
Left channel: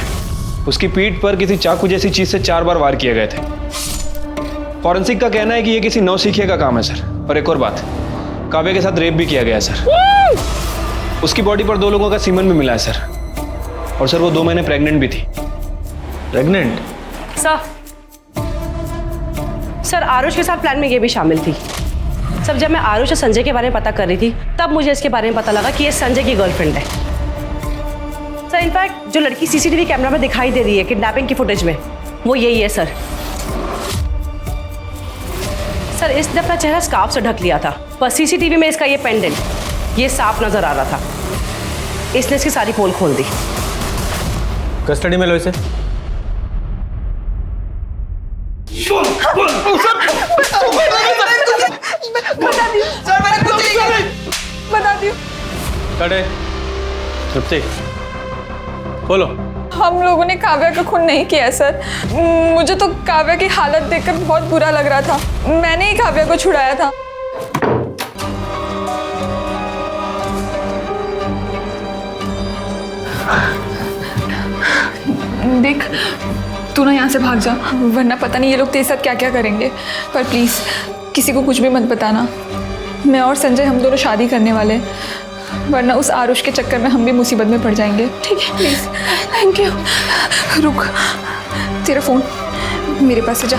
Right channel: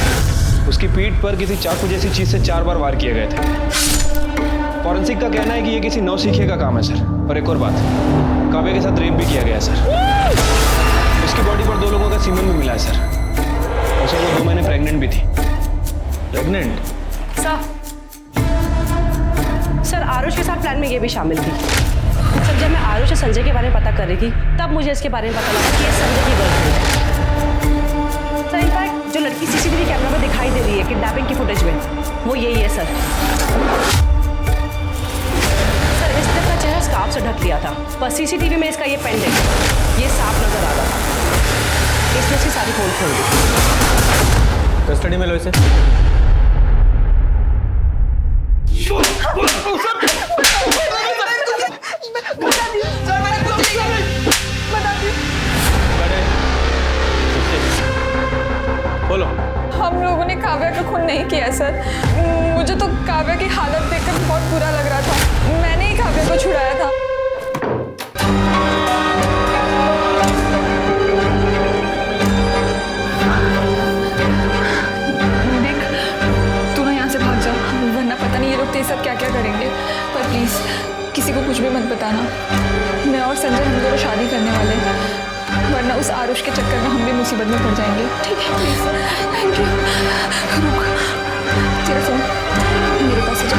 उसकी पीठ पर किसी चाकू जैसी चीज से 4 बार वार किए गए थे। फॉरेंसिक का कहना है कि ये किसी नौसिखिए का काम है सर। और एक और बात, काव्या के साथ रेप भी किया गया है सर। उसकी बॉडी पर 2 लोगों का सीमन भी मिला है सर। और सर वो 2 महीने प्रेग्नेंट भी थी। प्रेग्नेंट? सर आरुष के साथ प्लान में ये भी शामिल थी। सर जब मैं आरुष और संजय के बारे में पता कर रही थी तब मुझे इसके बारे में पता लगा कि ये संजय की गर्लफ्रेंड है। सर इनफैक्ट जो लड़की सीसीटीवी कैमरा में दिखाई दे रही है किडनैपिंग की फुटेज में, वो यही है सर। सर इसने अपना चेहरा स्कार्फ से ढक लिया था, पर सीसीटीवी में इसका ये पेंडेंट, ये सांप नजर आ रहा था। इसने इसकी सारी पोल खोल दी। कस्टडी में लो इसे। चुप से बोलो। हम लोगों ने काव्या का खून नहीं किया सर। मुझे तो काव्या की हालत देखकर बहुत बुरा लग रहा था। मैंने ही काव्या को छुड़ाया था। देख तू ना यहाँ से भाग जा, वरना पता नहीं ये लोग तेरे साथ क्या क्या करेंगे। पर प्लीज किसी को कुछ भी मत बताना। मैं और संजय हम दोनों शादी करने वाले हैं, वरना उस आरुष के चक्कर में हम भी मुसीबत में पड़ जाएंगे। ठीक है प्लीज। Thank you. रुक, तेरा फोन मेरे पास है, जा।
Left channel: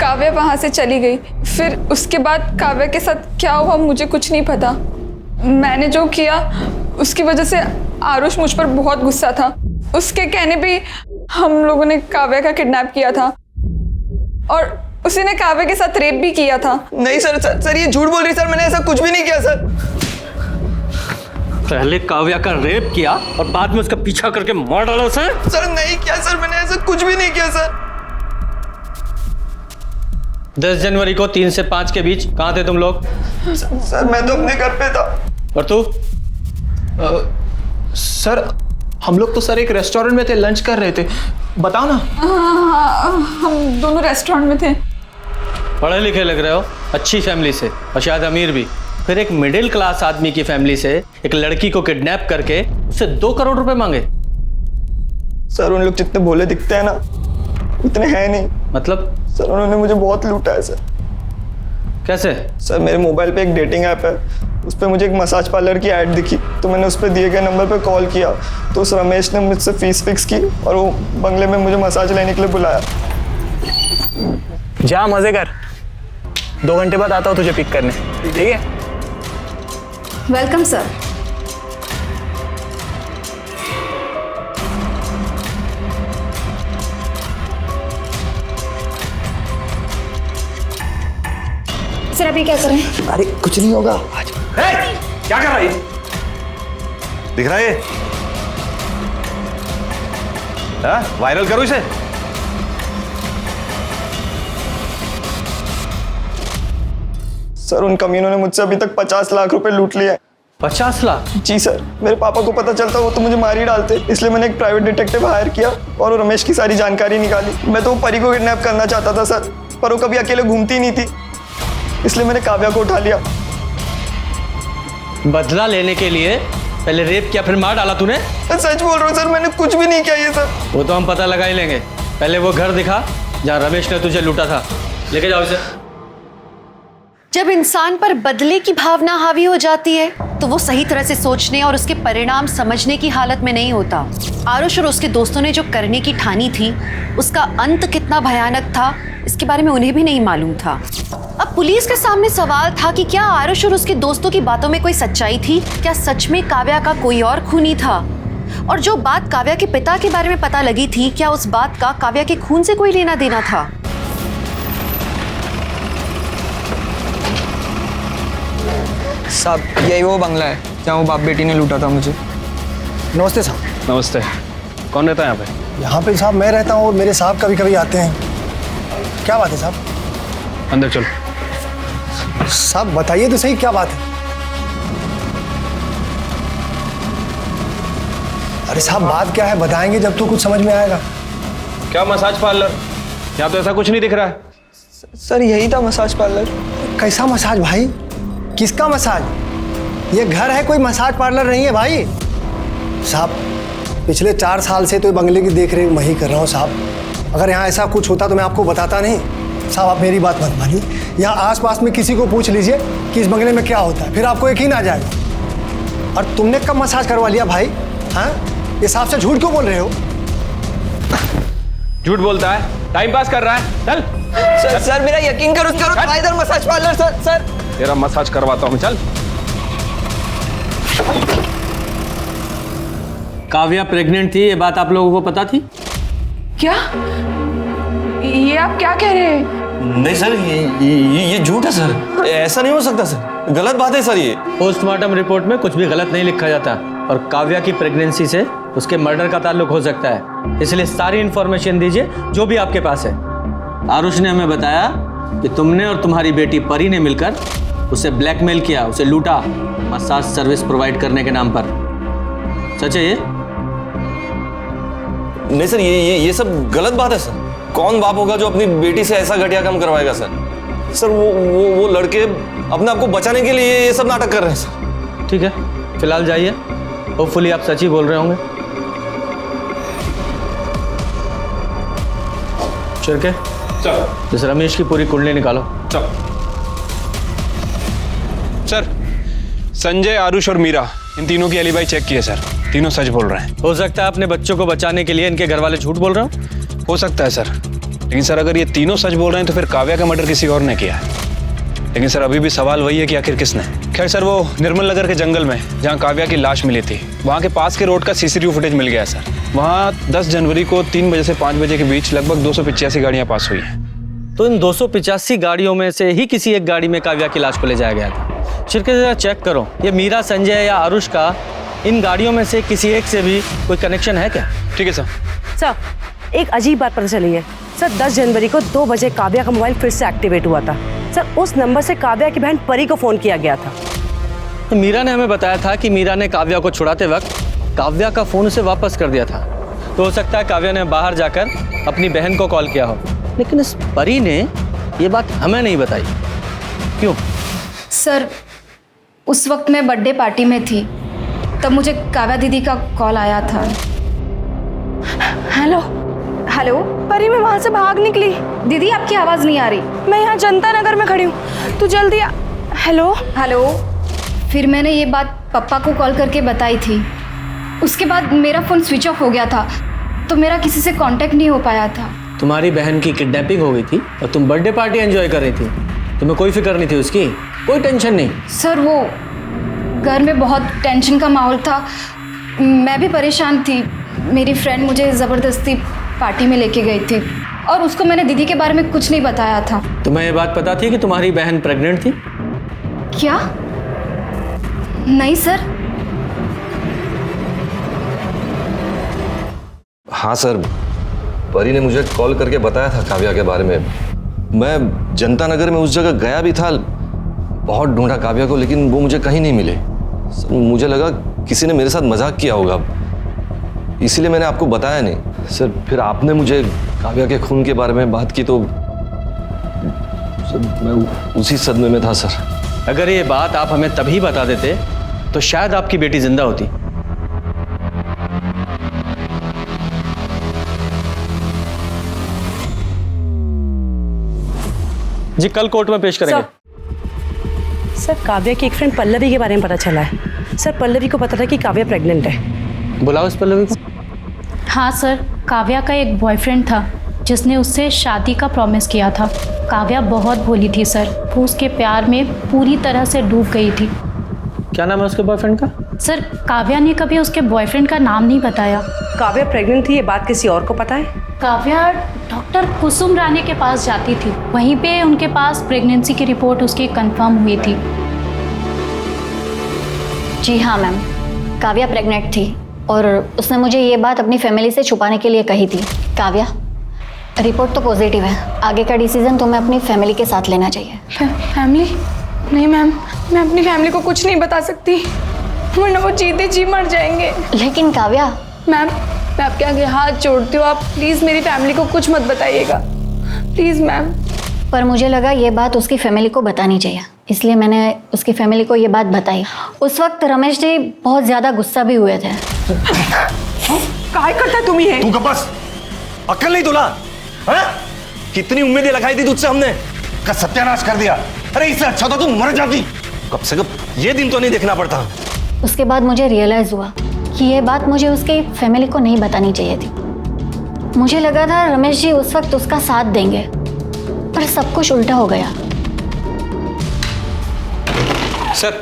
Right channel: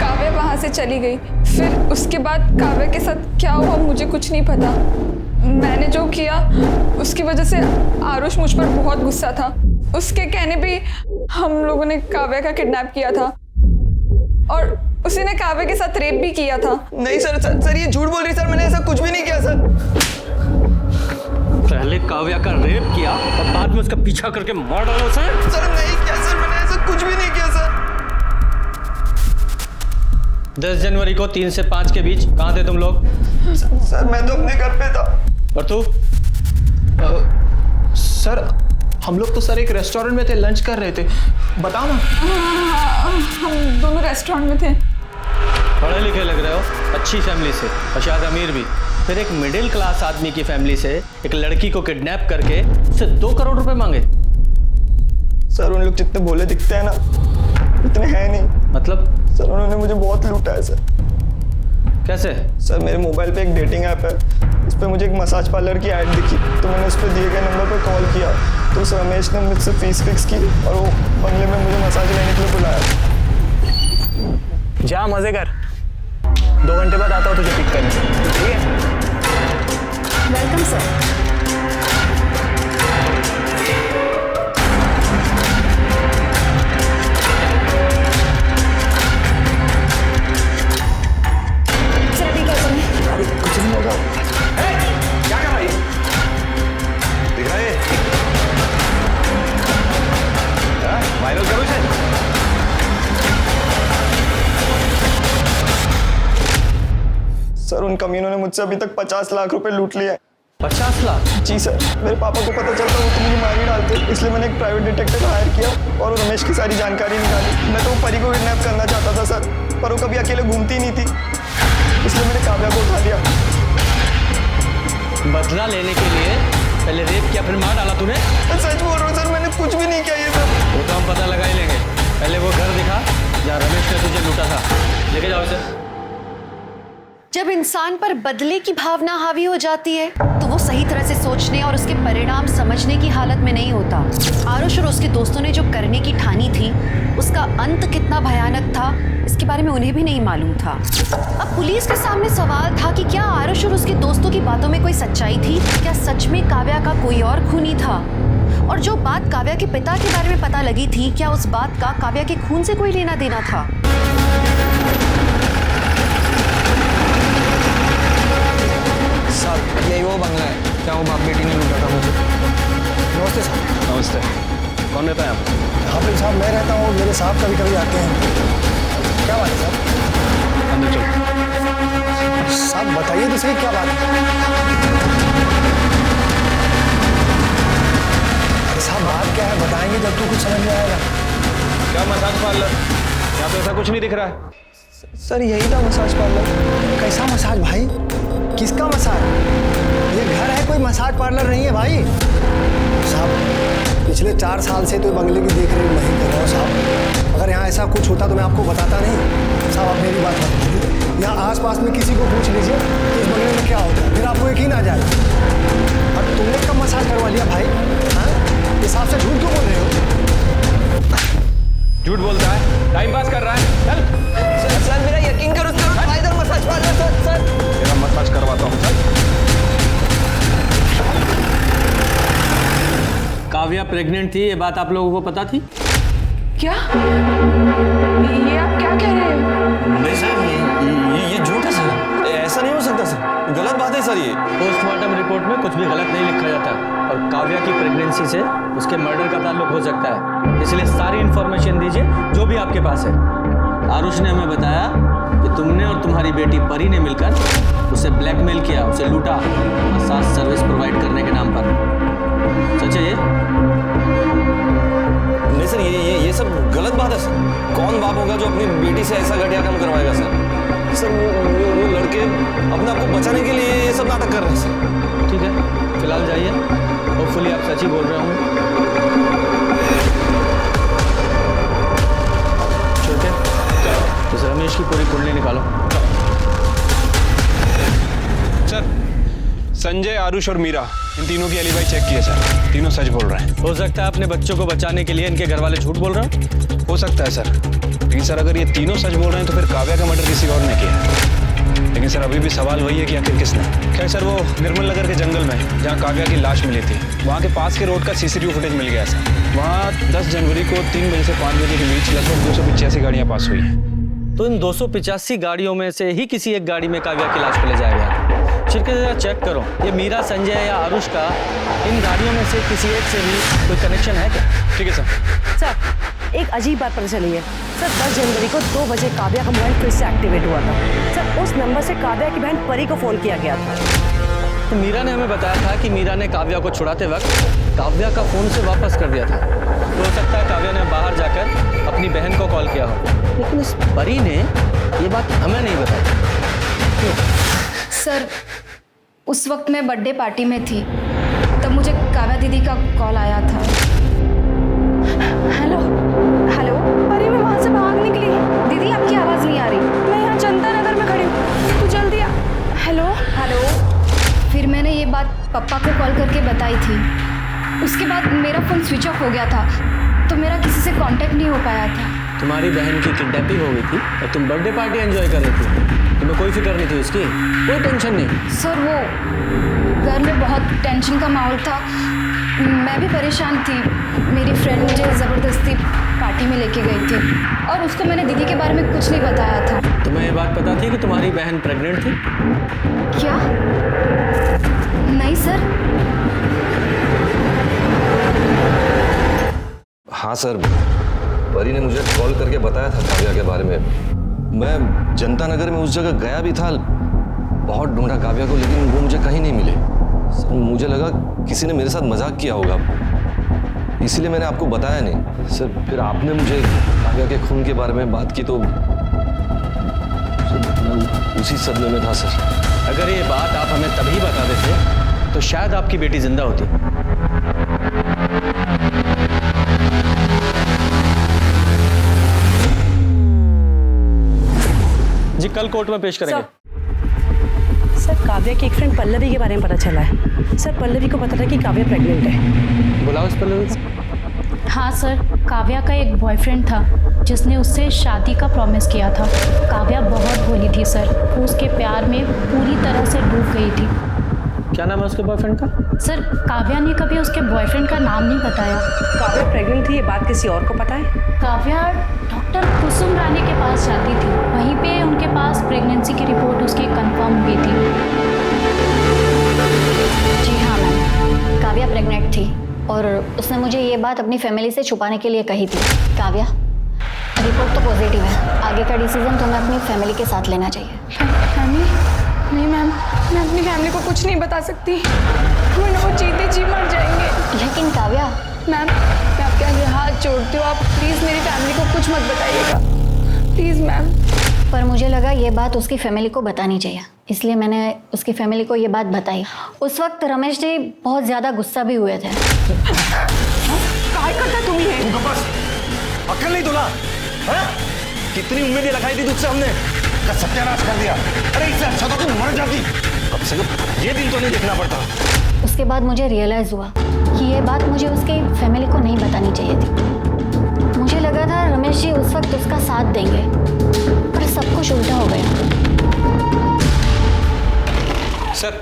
काव्या वहां से चली गई, फिर उसके बाद काव्या के साथ क्या हुआ मुझे कुछ नहीं पता। मैंने जो किया उसकी वजह से आरुष मुझ पर बहुत गुस्सा था। उसके कहने पे हम लोगों ने काव्या का किडनैप किया था और उसी ने काव्या के साथ रेप भी किया था। नहीं सर ये झूठ बोल रही सर, मैंने ऐसा कुछ भी नहीं किया सर। पहले काव्या का रेप किया और बाद में उसका पीछा करके मार डाला उसे। सर नहीं किया सर, मैंने ऐसा कुछ भी नहीं किया सर। 10 जनवरी को 3 से 5 के बीच कहाँ थे तुम लोग? सर मैं तो अपने घर पे था। और तू? सर हम लोग तो सर एक रेस्टोरेंट में थे, लंच कर रहे थे। बताओ ना। हम दोनों रेस्टोरेंट में थे। पढ़े लिखे लग रहे हो, अच्छी फैमिली से और शायद अमीर भी। फिर एक मिडिल क्लास आदमी की फैमिली से एक लड़की को किडनैप करके उससे 2 करोड़ रुपए मांगे। सर उन लोग जितने भोले दिखते हैं ना, इतने हैं नहीं। मतलब? सर उन्होंने मुझे बहुत लूटा है सर। कैसे? सर मेरे मोबाइल पे एक डेटिंग ऐप है, उस पर मुझे एक मसाज पार्लर की ऐड दिखी, तो मैंने उस पर दिए गए नंबर पर कॉल किया, तो उस रमेश ने मुझसे फीस फिक्स की और वो बंगले में मुझे मसाज लेने के लिए बुलाया। जा मजे कर, 2 घंटे बाद आता हूँ तुझे पिक करने। ठीक है? Welcome sir. सर अभी क्या करें? अरे कुछ नहीं होगा। क्या कर रहा है? दिख रहा है? वायरल करो इसे। सर उन कमीनों ने मुझसे अभी तक 50 लाख रुपए लूट लिए। 50 लाख? जी सर, मेरे पापा को पता चलता वो तो मुझे मार ही डालते, इसलिए मैंने एक प्राइवेट डिटेक्टिव हायर किया और रमेश की सारी जानकारी निकाली। मैं तो परी को किडनैप करना चाहता था सर, पर वो कभी अकेले घूमती नहीं थी, इसलिए मैंने काव्या को उठा लिया। बदला लेने के लिए पहले रेप किया, फिर मार डाला तूने? सच बोल रहा हूँ सर, मैंने कुछ भी नहीं किया ये सर। वो तो हम पता लगा ही लेंगे। पहले वो घर दिखा जहाँ रमेश ने तुझे लूटा था, लेके जाओ इसे। जब इंसान पर बदले की भावना हावी हो जाती है तो वो सही तरह से सोचने और उसके परिणाम समझने की हालत में नहीं होता। आरुष और उसके दोस्तों ने जो करने की ठानी थी उसका अंत कितना भयानक था इसके बारे में उन्हें भी नहीं मालूम था। अब पुलिस के सामने सवाल था कि क्या आरुष और उसके दोस्तों की बातों में कोई सच्चाई थी? क्या सच में काव्या का कोई और खूनी था? और जो बात काव्या के पिता के बारे में पता लगी थी, क्या उस बात का काव्या के खून से कोई लेना देना था? साहब यही वो बंगला है जहाँ वो बाप बेटी ने लूटा था मुझे। नमस्ते साहब। नमस्ते। कौन रहता है यहाँ पे? यहाँ पे साहब मैं रहता हूँ और मेरे साहब कभी कभी आते हैं। क्या बात है साहब? अंदर चलो। साहब बताइए तो सही क्या बात है? अरे साहब बात क्या है बताएंगे जब तो कुछ समझ में आएगा। क्या मसाज पार्लर? यहाँ तो ऐसा कुछ नहीं दिख रहा है। सर यही था मसाज पार्लर। कैसा मसाज भाई? किसका मसाज? ये घर है, कोई मसाज पार्लर नहीं है भाई। साहब पिछले 4 साल से तो ये बंगले की देख रेख मैं ही कर रहा हूँ साहब। अगर यहाँ ऐसा कुछ होता तो मैं आपको बताता नहीं। साहब आप मेरी बात मत मानिए, यहाँ आसपास में किसी को पूछ लीजिए कि इस बंगले में क्या होता है, फिर आपको यकीन आ जाएगा। और तुमने कब मसाज करवा लिया भाई? हाँ इस हिसाब से झूठ क्यों बोल रहे हो? झूठ बोलता है, टाइम पास कर रहा है। चल सर मेरा यकीन करो इधर मसाज पार्लर। सर तेरा मसाज करवाता हूँ, चल। काव्या प्रेग्नेंट थी, ये बात आप लोगों को पता थी? क्या ये आप क्या कह रहे हैं? नहीं सर ये झूठ है सर, ऐसा नहीं हो सकता सर, गलत बात है सर। ये पोस्टमार्टम रिपोर्ट में कुछ भी गलत नहीं लिखा जाता और काव्या की प्रेगनेंसी से उसके मर्डर का ताल्लुक हो सकता है, इसलिए सारी इंफॉर्मेशन दीजिए जो भी आपके पास है। आरुष ने हमें बताया कि तुमने और तुम्हारी बेटी परी ने मिलकर उसे ब्लैकमेल किया, उसे लूटा मसाज सर्विस प्रोवाइड करने के नाम पर। सच है ये? नहीं सर ये सब गलत बात है सर। कौन बाप होगा जो अपनी बेटी से ऐसा घटिया काम करवाएगा सर? सर वो लड़के अपने आप को बचाने के लिए ये सब नाटक कर रहे हैं सर। ठीक है फिलहाल जाइए, होपफुली आप सच ही बोल रहे होंगे। चल के चलो इस रमेश की पूरी कुंडली निकालो। चलो सर, संजय, आरुष और मीरा इन तीनों की एलिबाई चेक की है सर, तीनों सच बोल रहे हैं। हो सकता है अपने बच्चों को बचाने के लिए इनके घर वाले झूठ बोल रहे हो सकता है सर, लेकिन सर अगर ये तीनों सच बोल रहे हैं तो फिर काव्या का मर्डर किसी और ने किया है। लेकिन सर अभी भी सवाल वही है कि आखिर किसने। खैर सर वो निर्मल नगर के जंगल में जहाँ काव्या की लाश मिली थी, वहाँ के पास के रोड का सीसीटीवी फुटेज मिल गया सर। वहाँ 10 जनवरी को 3 बजे से 5 बजे के बीच लगभग 285 गाड़ियाँ पास हुई हैं। तो इन 285 गाड़ियों में से ही किसी एक गाड़ी में काव्या की लाश को ले जाया गया था। शिरके जरा चेक करो, ये मीरा, संजय या आरुष का इन गाड़ियों में से किसी एक से भी कोई कनेक्शन है क्या? ठीक है सर। सर एक अजीब बात पता चली है सर, 10 जनवरी को 2 बजे काव्या का मोबाइल फिर से एक्टिवेट हुआ था सर। उस नंबर से काव्या की बहन परी को फोन किया गया था। तो मीरा ने हमें बताया था कि मीरा ने काव्या को छुड़ाते वक्त काव्या का फोन उसे वापस कर दिया था। तो हो सकता है काव्या ने बाहर जाकर अपनी बहन को कॉल किया हो, लेकिन इस परी ने ये बात हमें नहीं बताई। क्यों? सर उस वक्त मैं बर्थडे पार्टी में थी, तब मुझे काव्या दीदी का कॉल आया था। हेलो हेलो परी, मैं वहाँ से भाग निकली। दीदी आपकी आवाज़ नहीं आ रही। मैं यहाँ जनता नगर में खड़ी हूँ, तू जल्दी आ। Hello hello. फिर मैंने ये बात पापा को कॉल करके बताई थी। उसके बाद मेरा फ़ोन स्विच ऑफ हो गया था, तो मेरा किसी से कांटेक्ट नहीं हो पाया था। तुम्हारी बहन की किडनैपिंग हो गई थी और तुम बर्थडे पार्टी एंजॉय कर रही थी, तुम्हें कोई फिक्र नहीं थी उसकी? कोई टेंशन नहीं? सर वो घर में बहुत टेंशन का माहौल था, मैं भी परेशान थी। मेरी फ्रेंड मुझे ज़बरदस्ती पार्टी में लेके गई थी और उसको मैंने दीदी के बारे में कुछ नहीं बताया था। तुम्हें ये बात पता थी कि तुम्हारी बहन प्रेग्नेंट थी? क्या? नहीं सर। हाँ सर, परी ने मुझे कॉल करके बताया था काव्या के बारे में। मैं जनता नगर में उस जगह गया भी था, बहुत ढूंढा काव्या को, लेकिन वो मुझे कहीं नहीं मिले। सर मुझे लगा किसी ने मेरे साथ मजाक किया होगा, इसीलिए मैंने आपको बताया नहीं। सर फिर आपने मुझे काव्या के खून के बारे में बात की तो सर मैं उसी सदमे में था सर। अगर ये बात आप हमें तभी बता देते तो शायद आपकी बेटी जिंदा होती। जी कल कोर्ट में पेश करेंगे। सर काव्या की एक फ्रेंड पल्लवी के बारे में पता चला है सर। पल्लवी को पता था कि काव्या प्रेग्नेंट है। बुलाओ इस पल्लवी को। हाँ सर, काव्या का एक बॉयफ्रेंड था जिसने उससे शादी का प्रॉमिस किया था। काव्या बहुत भोली थी सर, वो उसके प्यार में पूरी तरह से डूब गई थी। क्या नाम है उसके बॉयफ्रेंड का? सर काव्या ने कभी उसके बॉयफ्रेंड का नाम नहीं बताया। काव्या प्रेग्नेंट थी, ये बात किसी और को पता है? काव्या डॉक्टर कुसुम रानी के पास जाती थी, वहीं पे उनके पास प्रेगनेंसी की रिपोर्ट उसकी कंफर्म हुई थी। जी हाँ मैम, काव्या प्रेग्नेंट थी और उसने मुझे ये बात अपनी फैमिली से छुपाने के लिए कही थी। काव्या, रिपोर्ट तो पॉजिटिव है, आगे का डिसीजन तुम्हें अपनी फैमिली के साथ लेना चाहिए। फैमिली? नहीं मैम, मैं अपनी फैमिली को कुछ नहीं बता सकती, वरना वो जीते जी मर जाएंगे। लेकिन काव्या। मैम, मैं आपके आगे हाथ जोड़ती हूँ, आप प्लीज़ मेरी फैमिली को कुछ मत बताइएगा, प्लीज़ मैम। पर मुझे लगा ये बात उसकी फैमिली को बतानी चाहिए, इसलिए मैंने उसकी फैमिली को ये बात बताई। उस वक्त रमेश जी बहुत ज़्यादा गुस्सा भी हुए थे। काय करता तुम ये? तू बस, अक्ल नहीं तुला? हाँ? कितनी उम्मीदें लगाई थी तुझसे हमने, का सत्यानाश कर दिया। अरे इससे अच्छा तो तू मर जाती, कम से कम ये दिन तो नहीं देखना पड़ता। उसके बाद मुझे रियलाइज़ हुआ कि ये बात मुझे उसकी फैमिली को नहीं बतानी चाहिए थी। मुझे लगा था रमेश जी उस वक्त उसका साथ देंगे, पर सब कुछ उल्टा हो गया। सर,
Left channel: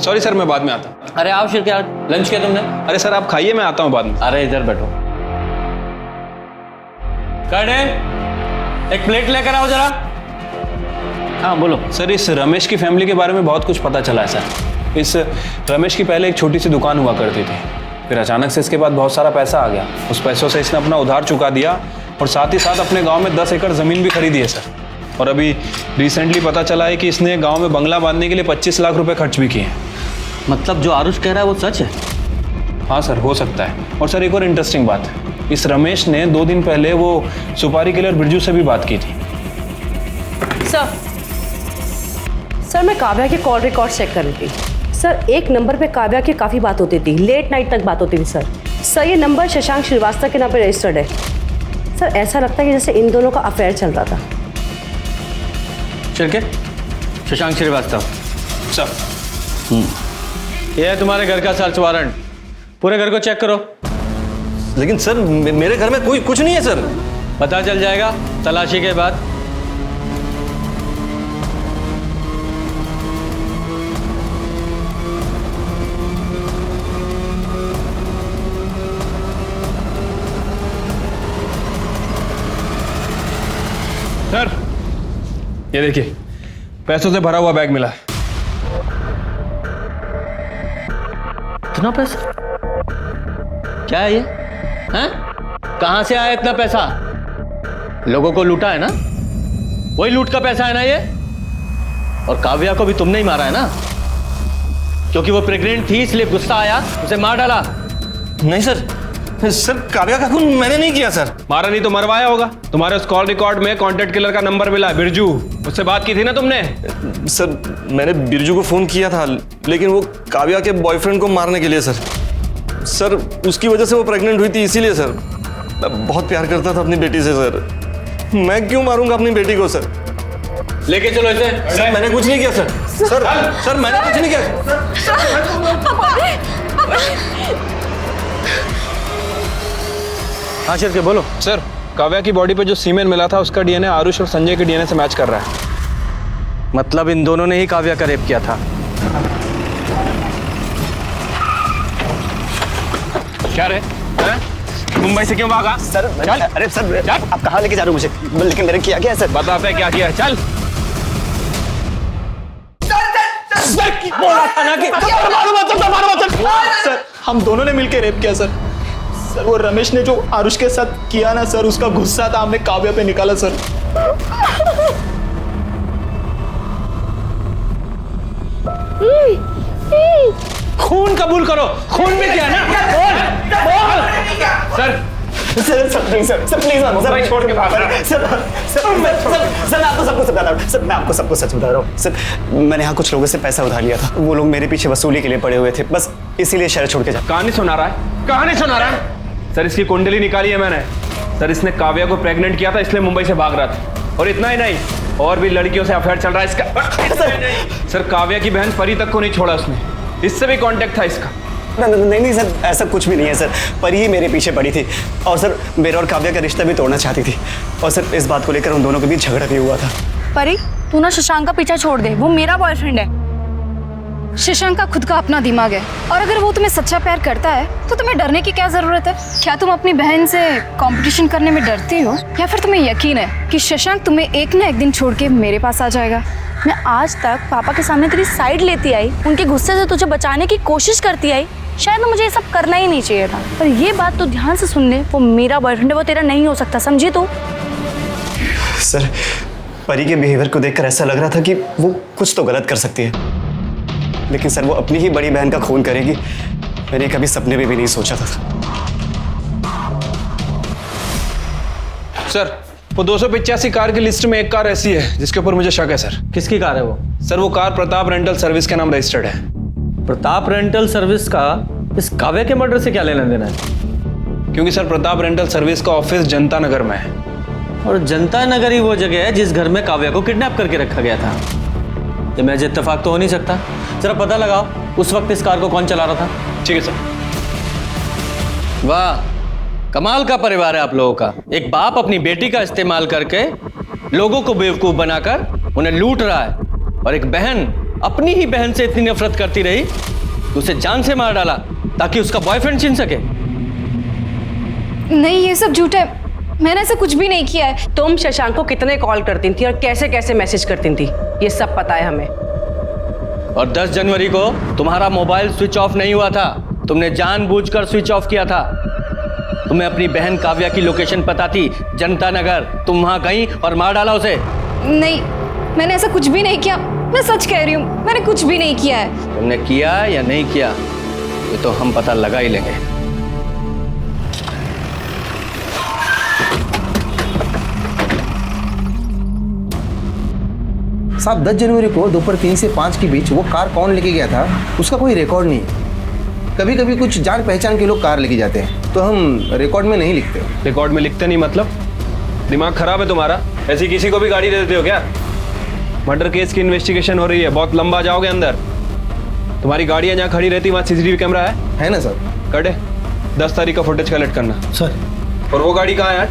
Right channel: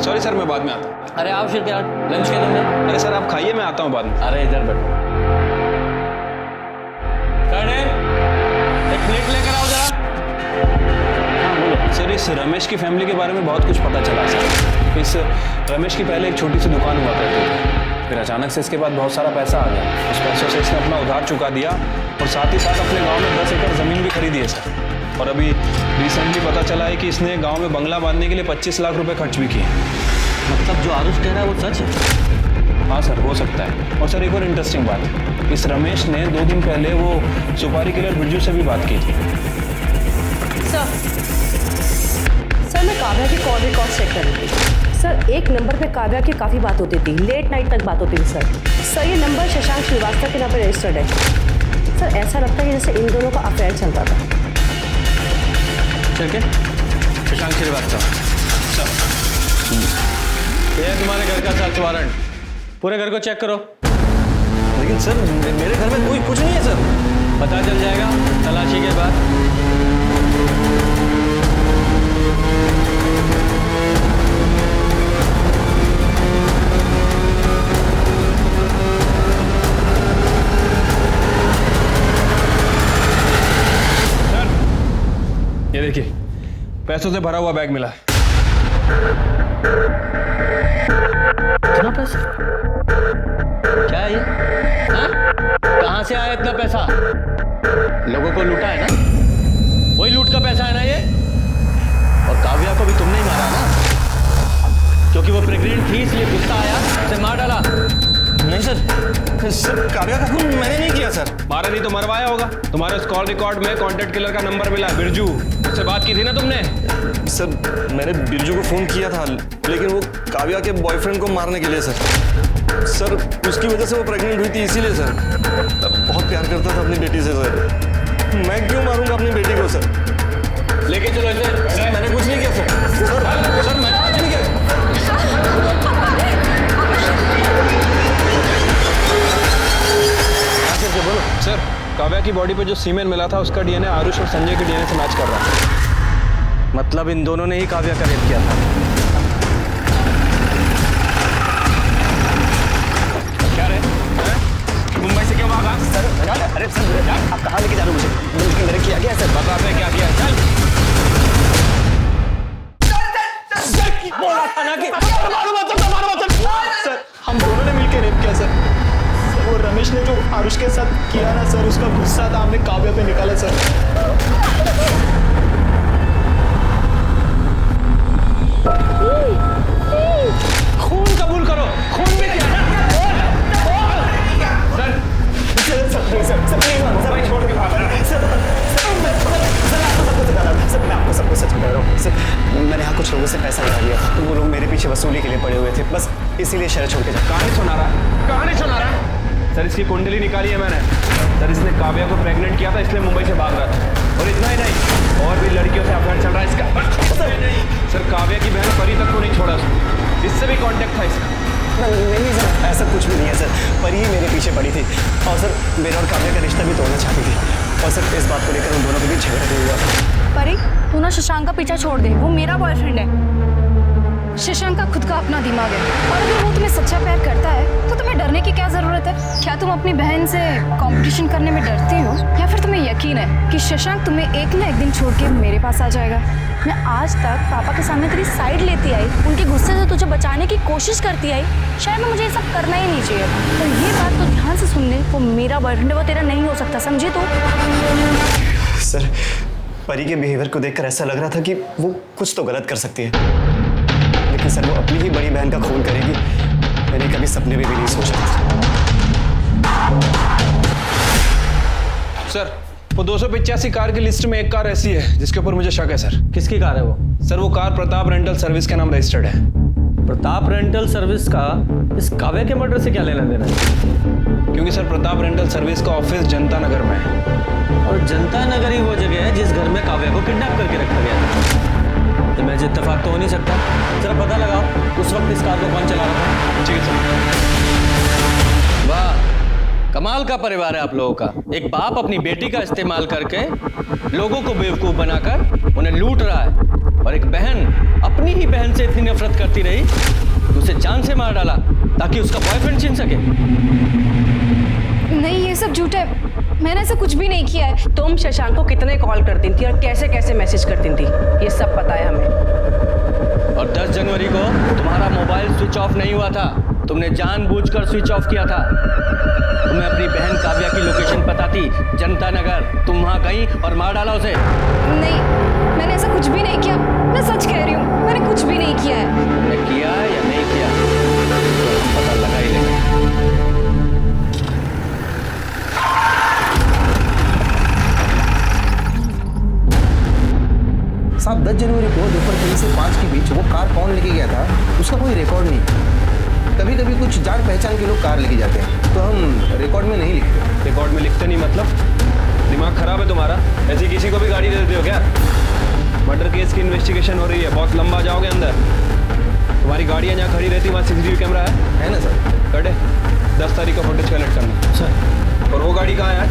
सॉरी सर, मैं बाद में आता हूँ। अरे आओ क्या लंच किया तुमने? अरे सर आप खाइए, मैं आता हूँ बाद में। अरे इधर बैठो। कर्णे, एक प्लेट लेकर आओ जरा। हाँ बोलो। सर, इस रमेश की फैमिली के बारे में बहुत कुछ पता चला है सर। इस रमेश की पहले एक छोटी सी दुकान हुआ करती थी, फिर अचानक से इसके बाद बहुत सारा पैसा आ गया। उस पैसों से इसने अपना उधार चुका दिया और साथ ही साथ अपने गांव में 10 एकड़ ज़मीन भी खरीदी है सर। और अभी रिसेंटली पता चला है कि इसने गांव में बंगला बांधने के लिए 25 लाख रुपए खर्च भी किए। मतलब जो आरुष कह रहा है वो सच है? हाँ सर, हो सकता है। और सर एक और इंटरेस्टिंग बात है, इस रमेश ने 2 दिन पहले वो सुपारी किलर बिरजू से भी बात की थी। सर, मैं काव्या के कॉल रिकॉर्ड चेक कर रही थी। सर, एक नंबर पे काव्या की काफ़ी बात होती थी, लेट नाइट तक बात होती थी सर। ये नंबर शशांक श्रीवास्तव के नाम पे रजिस्टर्ड है। सर, ऐसा लगता है कि जैसे इन दोनों का अफेयर चलता था। चल के शशांक श्रीवास्तव सर, ये है तुम्हारे घर का सर्च वारंट, पूरे घर को चेक करो। लेकिन सर मेरे घर में कोई कुछ नहीं है सर। पता चल जाएगा तलाशी के बाद। सर ये देखिए, पैसों से भरा हुआ बैग मिला। कितना पैसा? क्या है ये? हाँ? कहां से आया इतना पैसा? लोगों को लूटा है ना? वही लूट का पैसा है ना ये? और काव्या को भी तुमने ही मारा है ना? क्योंकि वो प्रेग्नेंट थी इसलिए गुस्सा आया, उसे मार डाला। नहीं सर, सर काव्या का खून मैंने नहीं किया सर। मारा नहीं तो मरवाया होगा। तुम्हारे उस कॉल रिकॉर्ड में कॉन्टेक्ट किलर का नंबर मिला, बिरजू, उससे बात की थी ना तुमने? सर मैंने बिरजू को फोन किया था, लेकिन वो काव्या के बॉयफ्रेंड को मारने के लिए सर उसकी वजह से वो प्रेग्नेंट हुई थी, इसीलिए सर। मैं बहुत प्यार करता था अपनी बेटी से सर। मैं क्यों मारूंगा अपनी बेटी को सर? लेके चलो इसे। सर मैंने कुछ नहीं किया सर। सर मैंने कुछ नहीं किया। हाँ चल के बोलो। सर, काव्या की बॉडी पे जो सीमेन मिला था उसका डीएनए आरुष और संजय के डीएनए से मैच कर रहा है। मतलब इन दोनों ने ही काव्या का रेप किया था। क्या रे? मुंबई से क्यों भागा? सर अरे सर, आप कहाँ लेके जा रहे हो मुझे? लेकिन मैंने किया क्या है सर? बताते क्या किया है, चल। बोला था ना कि सर हम दोनों ने मिलकर रेप किया सर। सर वो रमेश ने जो आरुष के साथ किया ना सर, उसका गुस्सा था हमने काव्या पे निकाला सर। खून कबूल करो, खून भी किया ना? सर प्लीज सर छोड़ के भाग रहा। सर आपको सबको सच बता रहा हूँ। सर मैं आपको सबको सच बता रहा हूँ। सर मैंने यहाँ कुछ लोगों से पैसा उठा लिया था, वो लोग मेरे पीछे वसूली के लिए पड़े हुए थे, बस इसीलिए शहर छोड़ के जा। कहानी सुना रहा है, कहानी सुना रहा है। सर इसकी कुंडली निकाली है मैंने। सर इसने काव्या को प्रेग्नेंट किया था, इसलिए मुंबई से भाग रहा था। और इतना ही नहीं, और भी लड़कियों से अफेयर चल रहा है इसका। सर काव्या की बहन परी तक को नहीं छोड़ा उसने, इससे भी कांटेक्ट था इसका। नहीं सर, ऐसा कुछ भी नहीं है सर। परी ही मेरे पीछे पड़ी थी और सर मेरा और काव्या का रिश्ता भी तोड़ना चाहती थी, और सर इस बात को लेकर उन दोनों के बीच झगड़ा भी हुआ था। परी, तू ना शशांक का पीछा छोड़ दे, वो मेरा बॉयफ्रेंड है। शशांक का खुद का अपना दिमाग है, और अगर वो तुम्हें सच्चा प्यार करता है तो तुम्हें डरने की क्या जरूरत है? क्या तुम अपनी बहन से कंपटीशन करने में डरती हो, या फिर तुम्हें यकीन है कि शशांक तुम्हें एक ना एक दिन छोड़ के मेरे पास आ जाएगा? मैं आज तक पापा के सामने तेरी साइड लेती आई, उनके गुस्से से तुझे बचाने की कोशिश करती आई। शायद मुझे ये सब करना ही नहीं चाहिए था, पर ये बात तो ध्यान से सुन ले, वो मेरा बॉयफ्रेंड है, वो तेरा नहीं हो सकता, समझी तू? सर, परी के बिहेवियर को देखकर ऐसा लग रहा था कि वो कुछ तो गलत कर सकती है, लेकिन सर वो अपनी ही बड़ी बहन का खून करेगी, मैंने कभी सपने में भी नहीं सोचा था। सर, वो 285 कार की लिस्ट में एक कार ऐसी है जिसके ऊपर मुझे शक है सर। किसकी कार है वो? सर वो कार प्रताप रेंटल सर्विस के नाम रजिस्टर्ड है। प्रताप रेंटल सर्विस का इस काव्या के मर्डर से क्या लेना देना है? क्योंकि सर प्रताप रेंटल सर्विस का ऑफिस जनता नगर में है, और जनता नगर ही वो जगह है जिस घर में काव्या को किडनैप करके रखा गया था। ये महज इत्तेफाक तो हो नहीं सकता। जरा पता लगाओ उस वक्त इस कार को कौन चला रहा था। ठीक है सर। वाह, कमाल का परिवार है आप लोगों का। एक बाप अपनी बेटी का इस्तेमाल करके लोगों को बेवकूफ बनाकर उन्हें लूट रहा है, और एक बहन अपनी ही बहन से इतनी नफरत करती रही कि उसे जान से मार डाला ताकि उसका बॉयफ्रेंड छीन सके। नहीं, ये सब झूठ है, मैंने ऐसा कुछ भी नहीं किया है। तुम शशांक को कितने कॉल करती थी और कैसे कैसे मैसेज करती थी, ये सब पता है हमें। और 10 जनवरी को तुम्हारा मोबाइल स्विच ऑफ नहीं हुआ था, तुमने जानबूझकर स्विच ऑफ किया था। तुम्हें अपनी बहन काव्या की लोकेशन पता थी, जनता नगर। तुम वहां गई और मार डाला उसे। नहीं, मैंने ऐसा कुछ भी नहीं किया, मैं सच कह रही हूँ, मैंने कुछ भी नहीं किया है। तुमने किया या नहीं किया ये तो हम पता लगा ही लेंगे। साहब, 10 जनवरी को दोपहर 3 से 5 के बीच वो कार कौन लेके गया था उसका कोई रिकॉर्ड नहीं। कभी कभी कुछ जान पहचान के लोग कार लेके जाते हैं, तो हम रिकॉर्ड में नहीं लिखते। रिकॉर्ड में लिखते नहीं मतलब? दिमाग खराब है तुम्हारा? ऐसी किसी को भी गाड़ी दे देते हो क्या? मर्डर केस की इन्वेस्टिगेशन हो रही है, बहुत लंबा जाओगे अंदर। तुम्हारी गाड़ियाँ जहाँ खड़ी रहती वहाँ सीसीटीवी कैमरा है ना सर? कटे 10 तारीख का फुटेज कलेक्ट करना सर। और वो गाड़ी कहाँ है आज?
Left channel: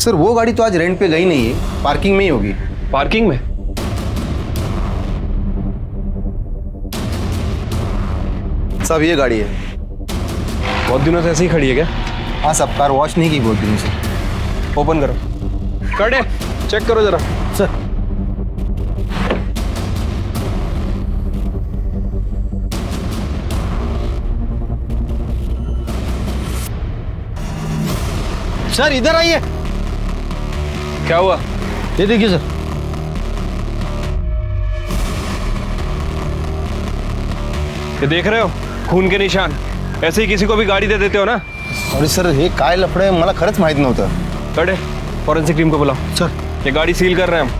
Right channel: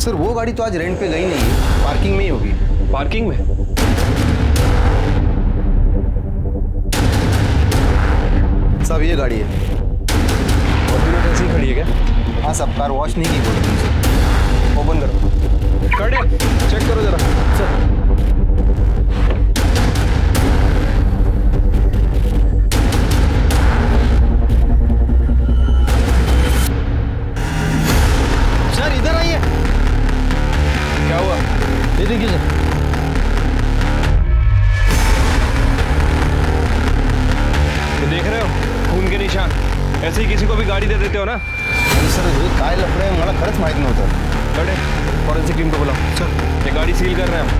सर वो गाड़ी तो आज रेंट पे गई नहीं है, पार्किंग में ही होगी। पार्किंग में? साहब ये गाड़ी है। बहुत दिनों से ऐसे ही खड़ी है क्या? हाँ साहब, कार वॉश नहीं की बहुत दिनों से। ओपन करो, कटे चेक करो जरा। सर। सर इधर आइए। क्या हुआ? ये देखिए सर। ये देख रहे हो खून के निशान? ऐसे ही किसी को भी गाड़ी दे देते हो ना? अरे सर हे काय लफडे मला खरंच माहित नव्हतं। कटे फॉरेंसिक टीम को बुलाओ। सर ये गाड़ी सील कर रहे हैं हम।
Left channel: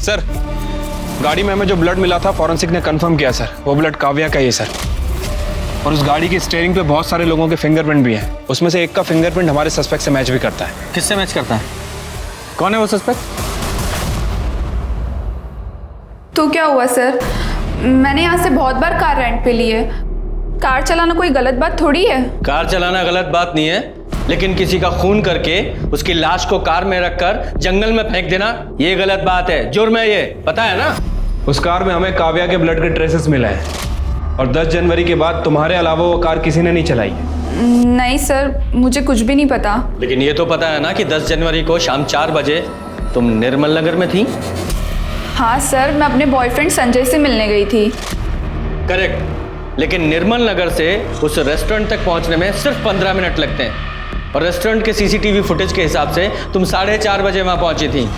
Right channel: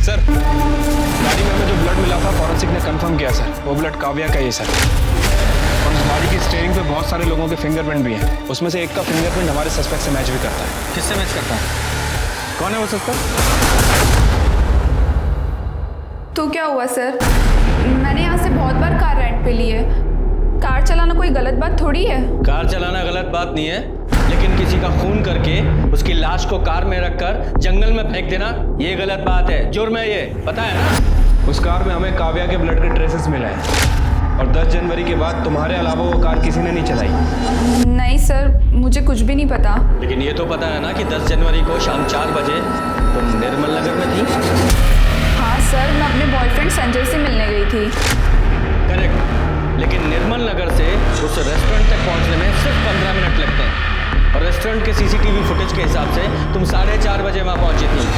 सर गाड़ी में हमें जो ब्लड मिला था फॉरेंसिक ने कंफर्म किया सर, वो ब्लड काव्या का ही है सर। और उस गाड़ी की स्टीयरिंग पे बहुत सारे लोगों के फिंगरप्रिंट भी हैं, उसमें से एक का फिंगरप्रिंट हमारे सस्पेक्ट से मैच भी करता है। किससे मैच करता है? कौन है वो सस्पेक्ट? तो क्या हुआ सर, मैंने यहाँ से बहुत बार कार रेंट पे ली है। कार चलाना कोई गलत बात थोड़ी है। कार चलाना गलत बात नहीं है, लेकिन किसी का खून करके उसकी लाश को कार में रखकर जंगल में फेंक देना ये गलत बात है, जुर्म है, ये पता है ना? उस कार में हमें काव्या के ब्लड के ट्रेसेस मिले हैं, और 10 जनवरी के बाद तुम्हारे अलावा वो कार किसी ने नहीं चलाई। नहीं सर, मुझे कुछ भी नहीं पता। लेकिन ये तो पता है ना कि 10 जनवरी को शाम 4 बजे तुम निर्मल नगर में थी? हाँ सर, मैं अपने बॉयफ्रेंड संजय से मिलने गई थी। करेक्ट, लेकिन निर्मल नगर से उस रेस्टोरेंट तक पहुंचने में सिर्फ 15 मिनट लगते हैं, और रेस्टोरेंट के सीसीटीवी फुटेज के हिसाब से तुम 4:30 बजे वहां पहुंची थी।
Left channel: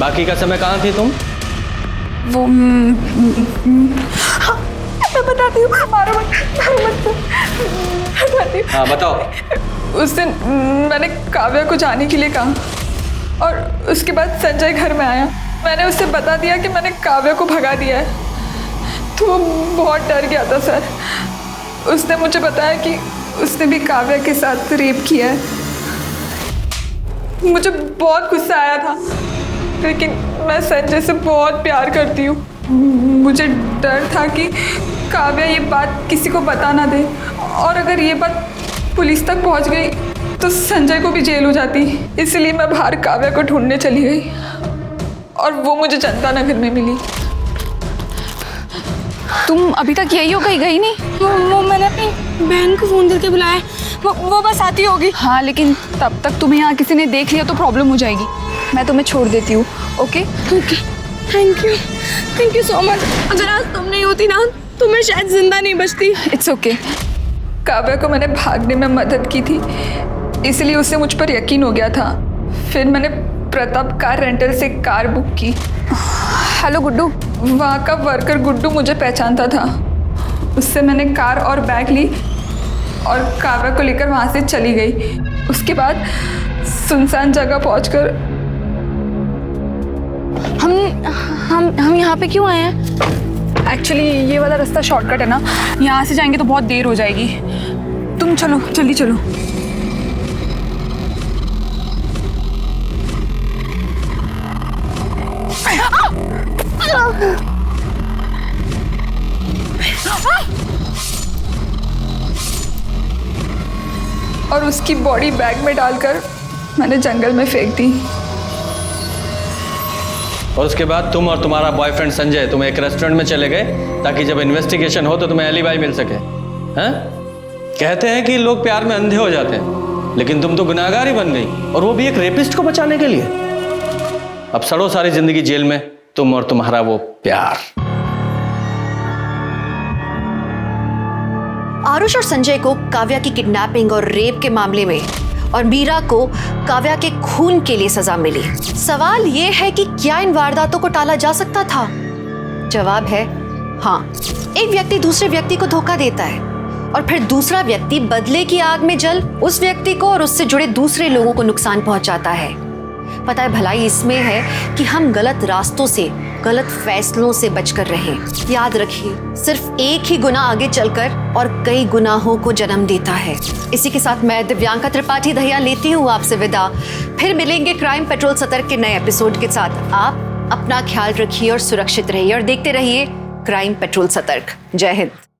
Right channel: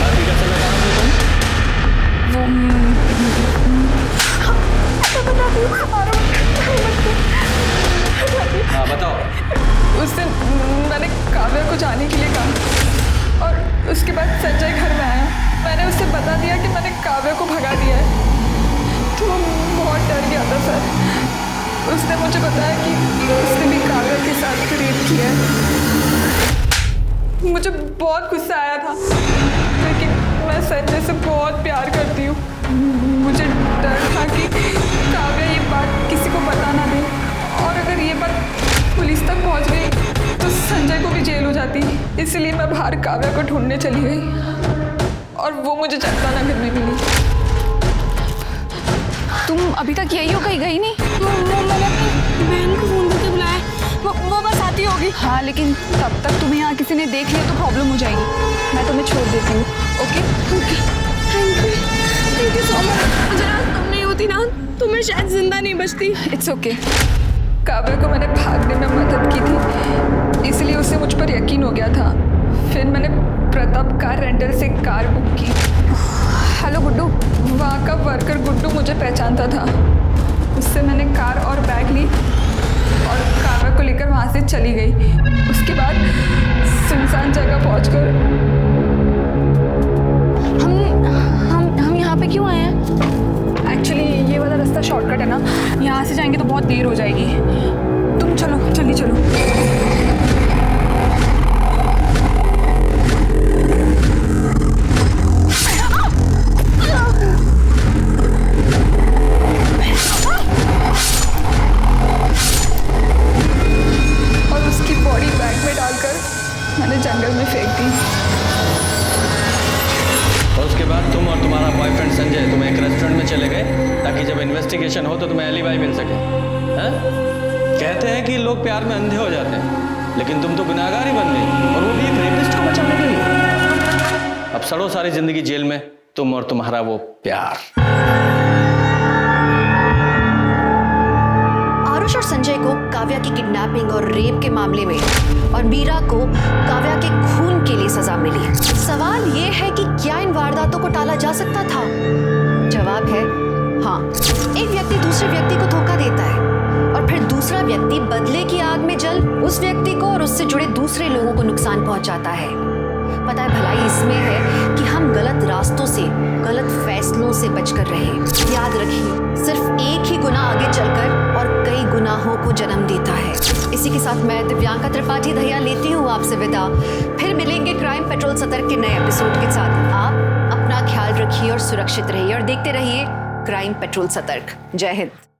बाकी का समय कहाँ थी तुम? वो मैं बताती हूँ, मारो मत। हाँ बताओ। उस दिन मैंने काव्या को जाने के लिए कहा, और उसके बाद संजय घर में आया। मैंने उससे बता दिया कि मैंने काव्या को भगा दिया है, तो वो बहुत डर गया था सर। उसने मुझे बताया कि उसने भी काव्या के साथ रेप किया है। मुझे बहुत गुस्सा आया था, लेकिन मैं संजय से बहुत प्यार करती हूँ। मुझे डर था कि काव्या ये बात किसी को बता ना दे, और अगर ये बात पुलिस तक पहुँच गई तो संजय को भी जेल हो जाती। इसलिए मैं बाहर काव्या को ढूंढने चली गई, और वो मुझे जनता नगर में मिली। तुम अभी तक यही हो, कहीं गई नहीं? वो मैंने अपनी बहन को फोन करके बुलाया है। वो बस आती होगी। हाँ, लेकिन तब तक तुम्हें यहाँ किसी ने देख लिया तो प्रॉब्लम हो जाएगी। मैं तुम्हें छोड़ देती हूँ। Okay okay, thank you so much. अगर आज तुम नहीं होती ना तो मैं शायद जिंदा नहीं बचती। It's okay. काव्या को मैंने भागने में मदद की थी, इसलिए उसे मुझ पर यकीन हो गया था। फिर मैंने प्रताप कार रेंटल से कार बुक की। हेलो गुड्डू, वहाँ का वर्कर गुड्डू मुझे पहचानता था। उससे मैंने कार और बैग ली और काव्या को लेकर वहाँ से चली गई। उसके बाद सुनसान जगह पहुँचकर हम यहाँ पे क्यों आए हैं? एक्चुअली ये वाला रास्ता शॉर्टकट है ना, यहाँ से जाएंगे तो बहुत देर हो जाएगी। तुम चलो, जल्दी चलो। और उसकी बॉडी बैग में डालकर मैंने जंगल में फेंक दी। और उसके बाद तुम और तुम्हारा बॉयफ्रेंड संजय तुम एक रेस्टोरेंट में चले गए ताकि जब इन्वेस्टिगेशन हो तो तुम्हें एलिबाई मिल सके। हैं? कहते हैं कि लोग प्यार में अंधे हो जाते हैं, लेकिन तुम तो गुनाहगार ही बन गई, और वो भी एक रेपिस्ट को बचाने के लिए। अब सड़ो सारी जिंदगी जेल में, तुम और तुम्हारा वो प्यार। आरुष और संजय को काव्या की किडनैपिंग और रेप के मामले में और मीरा को काव्या के खून के लिए सजा मिली। सवाल ये है कि क्या इन वारदातों को टाला जा सकता था? जवाब है हाँ। एक व्यक्ति दूसरे व्यक्ति को धोखा देता है और फिर दूसरा व्यक्ति बदले की आग में जल उस व्यक्ति को और उससे जुड़े दूसरे लोगों को नुकसान पहुंचाता है। पता है, भलाई इसमें है कि हम गलत रास्तों से, गलत फैसलों से बचकर रहें। याद रखिए, सिर्फ एक ही गुनाह आगे चलकर और कई गुनाहों को जन्म देता है। इसी के साथ मैं दिव्यांका त्रिपाठी दहिया लेती हूँ आपसे विदा। फिर मिलेंगे क्राइम पेट्रोल सतर्क के नए एपिसोड के साथ। आप अपना ख्याल रखिए और सुरक्षित रहिए और देखते रहिए क्राइम पेट्रोल सतर्क। जय हिंद।